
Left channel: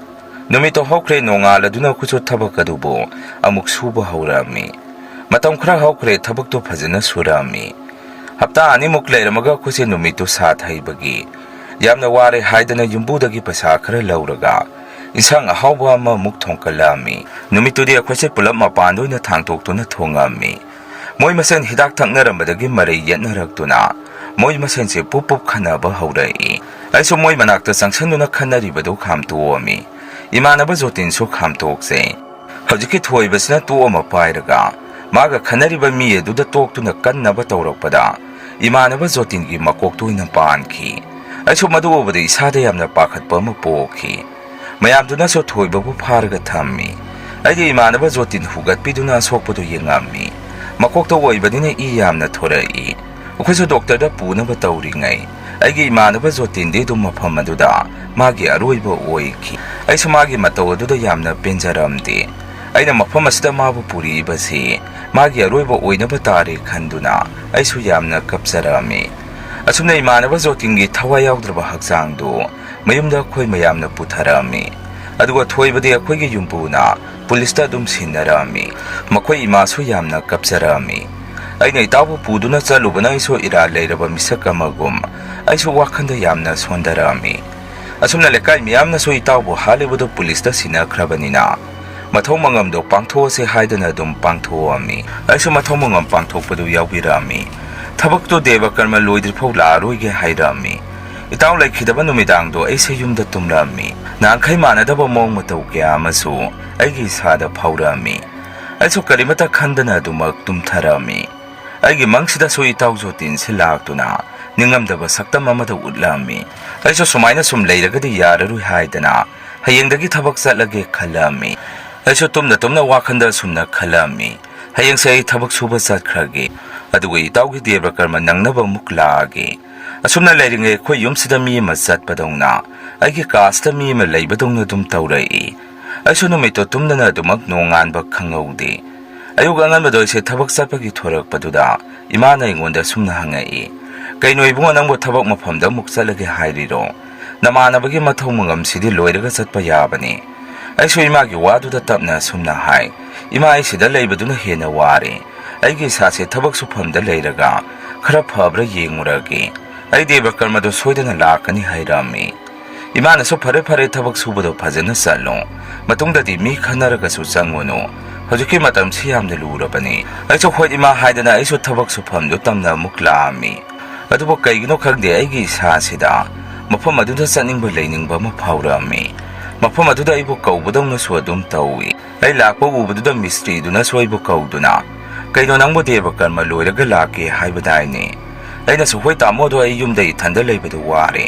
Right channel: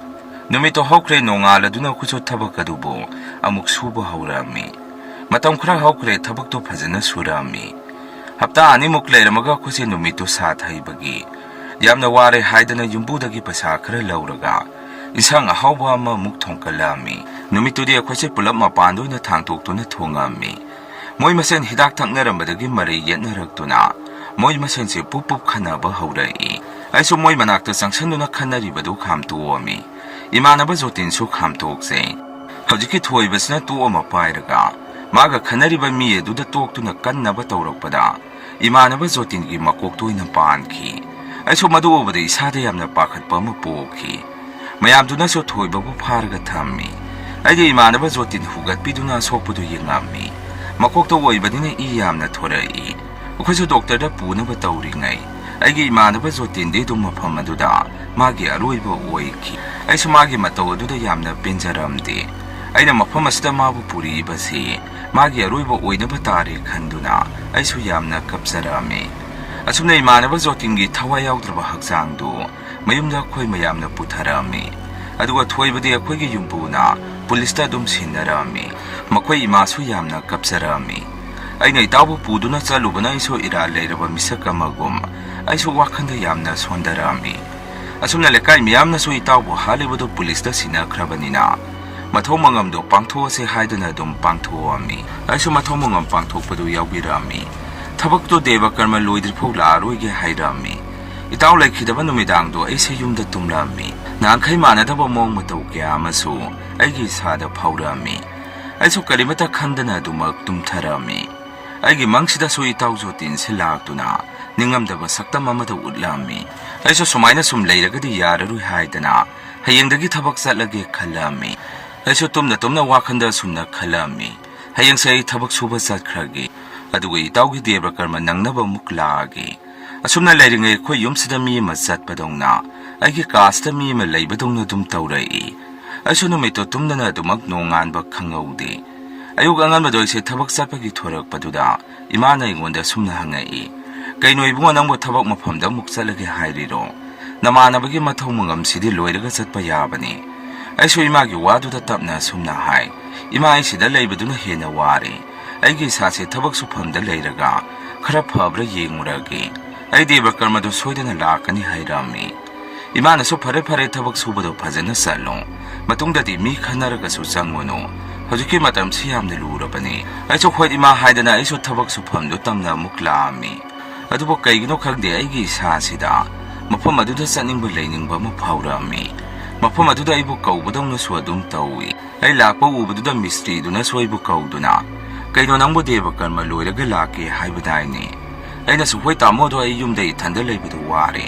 ꯅꯨꯃꯤꯠꯇꯣ ꯍꯧꯈ꯭ꯔꯦ, ꯅꯣꯡꯉꯥꯜꯂꯗꯨꯅ ꯑꯩꯈꯣꯏꯁꯨ ꯊꯕꯛ ꯑꯗꯨꯕꯨ ꯑꯃꯨꯛ ꯁꯨꯕ ꯍꯧꯔꯛꯑꯝꯃꯤ꯫ ꯃꯇꯝ ꯈꯔ ꯍꯧꯈ꯭ꯔꯦ, ꯊꯕꯛꯇꯣ ꯐꯖꯅ ꯁꯨꯔꯛꯑꯝꯃꯤ꯫ ꯍꯞꯇꯥ ꯑꯅꯤꯃꯨꯛ ꯂꯩꯔꯝꯃꯒ ꯑꯩꯈꯣꯏꯁꯦ ꯅꯨꯃꯤꯠꯇꯨ ꯁꯥꯠ ꯍꯩꯕꯒꯤ ꯌꯥꯝꯅ ꯋꯥꯔꯦ ꯍꯥꯏꯗꯅ ꯌꯨꯝꯕꯨꯗꯒꯤ ꯄꯩꯁꯥ ꯈꯔ ꯂꯧꯔꯒ ꯏꯟꯁꯥꯡ ꯑꯍꯥꯎꯕ ꯑꯃꯃꯨꯛ ꯊꯣꯡꯀꯠꯂꯛꯑꯝꯃꯤ꯫ ꯅꯨꯃꯤꯠꯇꯨꯗꯤ ꯑꯩꯈꯣꯏꯁꯦ ꯄꯨꯂꯞ ꯃꯄꯥꯟꯗ ꯑꯣꯏꯅ ꯊꯥꯡꯇꯣꯛꯇꯨꯅ ꯊꯣꯡꯉꯝꯃꯤ꯫ ꯃꯣꯏ ꯃꯁꯦꯟ ꯍꯤꯗꯥꯛ ꯊꯛꯅꯔꯝꯕꯗꯒꯤ ꯃꯔꯩ ꯌꯦꯠꯅꯔꯛꯇꯨꯅ ꯃꯣꯏ ꯃꯁꯦꯟꯁꯦ ꯄꯨꯞ ꯈꯟꯅꯕ ꯍꯧꯔꯛꯏ꯫ ꯑꯩꯁꯨ ꯃꯣꯏ ꯃꯅꯥꯛꯇ ꯆꯪꯁꯟꯗꯨꯅ ꯈꯟꯅꯔꯤꯕꯗꯨ ꯈꯥꯝꯇꯣꯛꯑꯝꯃꯤ꯫ ꯏꯃꯥꯟꯅꯕ ꯖꯣꯇꯤꯟꯁꯨ ꯈꯥꯝꯇꯣꯛꯆꯩ꯫ ꯍꯧꯖꯤꯛꯀꯤ ꯊꯣꯏꯕꯁꯤꯅ ꯇꯣꯛ ꯑꯃ ꯄꯥꯏꯔꯒ ꯃꯥꯒ ꯈꯟꯅꯔꯤꯕ ꯃꯤ ꯑꯗꯨꯗ ꯇꯣꯛꯇꯨꯅ ꯀꯟꯅꯕ ꯇꯧꯔꯛꯄꯗ ꯏꯃꯥꯟꯅꯕ ꯖꯣꯇꯤꯟꯒꯤ ꯃꯀꯣꯛꯇ ꯑꯣꯏꯅ ꯄꯥꯟꯈꯤ꯫ ꯑꯩꯁꯨ ꯃꯗꯨ ꯎꯕꯗ ꯏꯁꯥꯗ ꯌꯥꯝꯅ ꯄꯥꯈꯠꯄ ꯑꯃ ꯄꯣꯛꯈꯤ꯫ ꯃꯌꯥꯝꯗꯨꯅꯁꯨ ꯊꯣꯏꯕꯕꯨ ꯐꯥꯔꯒ ꯊꯝꯃꯤ꯫ ꯑꯩꯗꯤ ꯏꯃꯥꯟꯅꯕ ꯖꯣꯇꯤꯟ ꯍꯨꯒꯠꯄꯤꯗꯨꯅ ꯑꯁꯣꯛꯄꯗꯨ ꯌꯦꯡꯉꯝꯃꯤ꯫ ꯃꯀꯣꯛꯇ ꯑꯣꯏꯕꯅꯤꯅ ꯏ ꯌꯥꯝꯅ ꯊꯣꯔꯛꯏ꯫ ꯑꯩꯈꯣꯏꯁꯨ ꯗꯣꯛꯇꯔꯗ ꯄꯨꯅꯕ ꯇꯧꯔꯤꯉꯩ ꯑꯩꯒꯤ ꯏꯃꯥꯟꯅꯕ ꯖꯣꯇꯤꯟꯗꯤ ꯑꯗꯨꯝ ꯃꯐꯝ ꯑꯗꯨꯗ ꯃꯥꯒꯤ ꯑꯔꯣꯏꯕ ꯑꯣꯏꯈꯤ꯫ ꯑꯩꯁꯨ ꯃꯥꯒꯤ ꯃꯇꯧ ꯑꯗꯨꯗ ꯌꯥꯝꯅ ꯄꯦꯟꯖꯔꯝꯗꯦ꯫ ꯑꯩꯅ ꯃꯐꯝ ꯑꯁꯤꯗ ꯃꯥꯕꯨ ꯄꯨꯔꯛꯏꯕꯁꯤ ꯃꯥꯒꯤ ꯑꯔꯣꯏꯕ ꯑꯣꯏꯅꯕ ꯇꯥꯔꯦ ꯈꯟꯗꯨꯅ ꯑꯩꯁꯨ ꯌꯥꯝꯅ ꯀꯞꯆꯔꯝꯃꯤ꯫ ꯑꯁꯨꯝꯅ ꯏꯃꯥꯟꯅꯕ ꯖꯣꯇꯤꯟꯒꯤ ꯊꯋꯥꯏ ꯌꯥꯎꯗ꯭ꯔꯕ ꯍꯛꯆꯥꯡꯗꯨ ꯃꯌꯨꯝꯗ ꯑꯩꯈꯣꯏ ꯃꯌꯥꯝꯅ ꯄꯨꯊꯔꯛꯑꯝꯃꯤ꯫ ꯑꯗꯨꯒ ꯊꯣꯏꯕꯗꯤ ꯑꯩꯈꯣꯏꯒꯤ ꯌꯨꯝꯕꯨꯅ ꯄꯨꯂꯤꯁꯇ ꯑꯗꯨꯝ ꯁꯤꯟꯅꯔꯛꯑꯝꯃꯤ꯫ ꯃꯈꯣꯏ ꯏꯃꯥꯁꯨ ꯌꯥꯝꯅ ꯀꯞꯆꯔꯛꯑꯝꯃꯤ꯫ ꯑꯩꯅ ꯏꯇꯥꯎꯕꯨ ꯄꯨꯗꯨꯅ ꯆꯠꯂꯨꯕꯅ ꯑꯩꯁꯨ ꯏꯔꯥꯜ ꯂꯩꯔꯕ ꯃꯤꯁꯛ ꯑꯃꯒꯨꯝ ꯑꯩꯁꯨ ꯋꯥꯈꯟꯗ ꯌꯥꯝꯅ ꯁꯣꯟꯊꯔꯛꯑꯝꯃꯤ ꯑꯁꯨꯝꯅ ꯂꯩꯀꯥꯏ ꯃꯤꯌꯥꯝꯅꯁꯨ ꯏꯇꯥꯎꯕꯨ ꯍꯥꯠꯂꯤꯕꯗꯨ ꯄꯨꯂꯤꯁꯇ ꯁꯤꯟꯅꯈ꯭ꯔꯕꯅꯤꯅ ꯃꯊꯧ ꯃꯉꯝꯗꯣ ꯄꯥꯡꯊꯣꯛꯑꯁꯦ ꯍꯥꯏꯗꯨꯅ ꯑꯗꯨꯝ ꯄꯥꯡꯊꯣꯛꯑꯝꯃꯤ ꯑꯩꯁꯨ ꯃꯊꯧ ꯃꯉꯝ ꯄꯥꯡꯊꯣꯛꯄꯗꯨ ꯌꯥꯎꯕꯤꯔꯛꯑꯝꯃꯤ ꯊꯕꯛꯇꯨ ꯗꯦꯕ ꯀꯔꯃ ꯂꯣꯏꯗ꯭ꯔꯤꯐꯥꯎ ꯂꯥꯛꯑꯔꯣꯏꯒꯦ ꯍꯥꯏꯔꯛꯑꯝꯃꯤ ꯏꯇꯥꯎ ꯂꯩꯈꯤꯗꯕ ꯅꯨꯃꯤꯗꯥꯡꯗꯣ ꯑꯩꯁꯦ ꯌꯨꯝꯗ ꯇꯨꯝꯂꯛꯑꯝꯃꯤ ꯅꯍꯥꯟꯈꯩ ꯃꯥꯟꯅꯗꯕ ꯃꯑꯣꯡ ꯃꯇꯧ ꯀꯌꯥ ꯑꯃꯁꯨ ꯑꯩꯒꯤ ꯏꯁꯥꯗ ꯐꯥꯎꯔꯛꯑꯝꯃꯤ ꯑꯩꯁꯨ ꯀꯔꯤꯃꯠꯇ ꯈꯟꯗꯅ ꯑꯗꯨꯃꯛ ꯇꯨꯝꯊꯔꯛꯑꯝꯃꯤ ꯑꯩꯒꯤ ꯃꯪꯁꯤꯗꯁꯨ ꯏꯇꯥꯎ ꯖꯣꯇꯤꯟꯁꯤ ꯂꯥꯛꯇꯨꯅ ꯅꯤꯡꯉꯝꯗꯕ ꯁꯛꯇꯝ ꯑꯃꯗ ꯎꯠꯂꯛꯑꯝꯃꯤ ꯑꯩꯁꯨ ꯁꯨꯃꯥꯏꯅ ꯁꯨꯝ ꯂꯩꯔꯒꯗꯤ ꯌꯥꯔꯔꯣꯏ ꯍꯥꯏꯗꯅ ꯍꯌꯦꯡꯗꯒꯤ ꯊꯕꯛ ꯆꯠꯂꯒꯦ ꯈꯜꯂꯛꯑꯝꯃꯤ ꯑꯩꯁꯨ ꯇꯨꯝꯅ ꯋꯥꯈꯟꯗ ꯁꯨꯝꯅ ꯈꯜꯂꯛꯑꯝꯃꯤ ꯍꯌꯦꯡꯁꯦ ꯑꯩ ꯊꯕꯛ ꯁꯨꯕ ꯆꯠꯈ꯭ꯔꯒꯦ ꯑꯗꯨꯒ ꯏꯇꯥꯎꯒꯤ ꯗꯦꯕ ꯀꯔꯃ ꯅꯪꯅꯕ ꯑꯃꯨꯛ ꯂꯥꯛꯑꯒꯦ ꯑꯁꯨꯝꯅ ꯂꯩꯔꯤꯉꯩ ꯑꯩꯈꯣꯏ ꯌꯨꯝꯁꯤꯗ ꯃꯤ ꯑꯃ ꯆꯠꯄꯗꯧꯅ ꯑꯩꯒꯤ ꯀꯥꯁꯤꯗ ꯃꯤ ꯑꯃ ꯂꯩꯕꯗꯧꯅ ꯑꯗꯨꯝ ꯇꯧꯔꯛꯏ ꯑꯩꯁꯨ ꯅꯨꯃꯤꯠꯇꯣ ꯇꯨꯝꯗꯅ ꯑꯗꯨꯃꯛ ꯅꯣꯡꯉꯥꯟꯕ ꯈꯪꯍꯧꯗꯦ ꯑꯌꯨꯛ ꯑꯉꯟꯕꯗ ꯑꯩꯁꯦ ꯊꯕꯛ ꯆꯠꯄꯒꯤ ꯊꯣꯔꯛꯄꯗꯨꯗ ꯏꯃꯥꯅ ꯑꯩꯉꯣꯟꯗ ꯁꯨꯝꯅ ꯍꯪꯉꯛꯏ ꯀꯩꯅꯣ ꯏꯕꯨꯡꯉꯣ ꯅꯪꯕꯨ ꯊꯕꯛ ꯃꯐꯝꯗ ꯑꯃꯨꯛ ꯆꯠꯂꯒꯦ ꯍꯥꯏꯔꯤꯔꯣ ꯅꯃꯥꯟꯅꯕꯒꯤ ꯃꯊꯧ ꯃꯉꯝꯁꯤꯗꯤ ꯂꯣꯏꯔꯒ ꯆꯠꯄ ꯌꯥꯕꯅꯤ ꯑꯩꯁꯨ ꯏꯃꯥꯒꯤ ꯋꯥꯗꯨꯗ ꯇꯞꯅ ꯁꯨꯝꯅ ꯍꯥꯏ ꯏꯃꯥ ꯑꯩ ꯁꯤꯗ ꯂꯩꯕꯗꯨꯅ ꯍꯦꯟꯅ ꯋꯥꯔꯦ ꯑꯩꯒꯤ ꯏꯁꯥꯁꯦ ꯊꯕꯛ ꯁꯨꯐꯝꯗ ꯂꯩꯔꯒ ꯈꯔ ꯐꯕ꯭ꯔꯥ ꯌꯦꯡꯉꯨꯔꯒꯦ ꯑꯩ ꯗꯦꯕ ꯀꯔꯃꯗꯣ ꯁꯣꯏꯗꯅ ꯂꯥꯛꯀꯅꯤ ꯍꯥꯏꯔꯝꯃꯤ ꯏꯃꯥꯅꯁꯨ ꯐꯔꯦ ꯊꯕꯛ ꯁꯨꯕꯗꯣ ꯐꯖꯅ ꯆꯠꯂꯣ ꯃꯇꯨꯡꯗꯗꯤ ꯃꯤ ꯈꯟꯅꯔꯒꯁꯨ ꯆꯪꯉꯨꯅꯨ ꯍꯧꯖꯤꯛꯀꯤ ꯃꯇꯝꯁꯤ ꯌꯥꯝꯅ ꯂꯨꯔꯕꯅꯤ ꯑꯩꯁꯨ ꯍꯣꯏ ꯏꯃꯥ ꯍꯥꯏꯗꯅ ꯑꯩꯁꯨ ꯊꯕꯛ ꯁꯨꯐꯝꯗꯨ ꯇꯝꯅ ꯑꯃꯨꯛ ꯂꯥꯛꯑꯝꯃꯤ ꯑꯗꯨꯕꯨ ꯀꯩꯒꯤꯅꯣ ꯈꯪꯗꯦ ꯑꯩꯒꯤ ꯏꯁꯥꯁꯤꯗ ꯃꯐꯝ ꯑꯗꯨꯗ ꯆꯠꯅꯤꯡꯕ ꯂꯩꯅꯤꯡꯕ ꯑꯃ ꯐꯥꯎꯔꯛꯑꯝꯃꯤ ꯃꯐꯝ ꯑꯗꯨꯗ ꯑꯩꯕꯨ ꯀꯧꯕꯗꯧꯅꯁꯨ ꯑꯗꯨꯝ ꯇꯧꯏ ꯑꯩ ꯂꯥꯛꯄ ꯎꯕꯗꯨꯗ ꯃꯤꯁꯇ꯭ꯔꯤꯗꯨꯅꯁꯨ ꯑꯩꯕꯨ ꯀꯧꯗꯨꯅ ꯀꯩꯅꯣ ꯅꯪꯕꯨ ꯗꯦꯕ ꯀꯔꯃ ꯂꯣꯏꯔꯒ ꯂꯥꯛꯀꯦ ꯍꯥꯏꯕꯗꯥꯏꯅꯦ ꯑꯩꯅꯁꯨ ꯍꯣꯏ ꯇꯥꯃꯣꯗꯣ ꯑꯩ ꯌꯨꯝꯗ ꯏꯊꯟꯗ ꯂꯩꯕꯗꯨ ꯋꯥꯔꯦ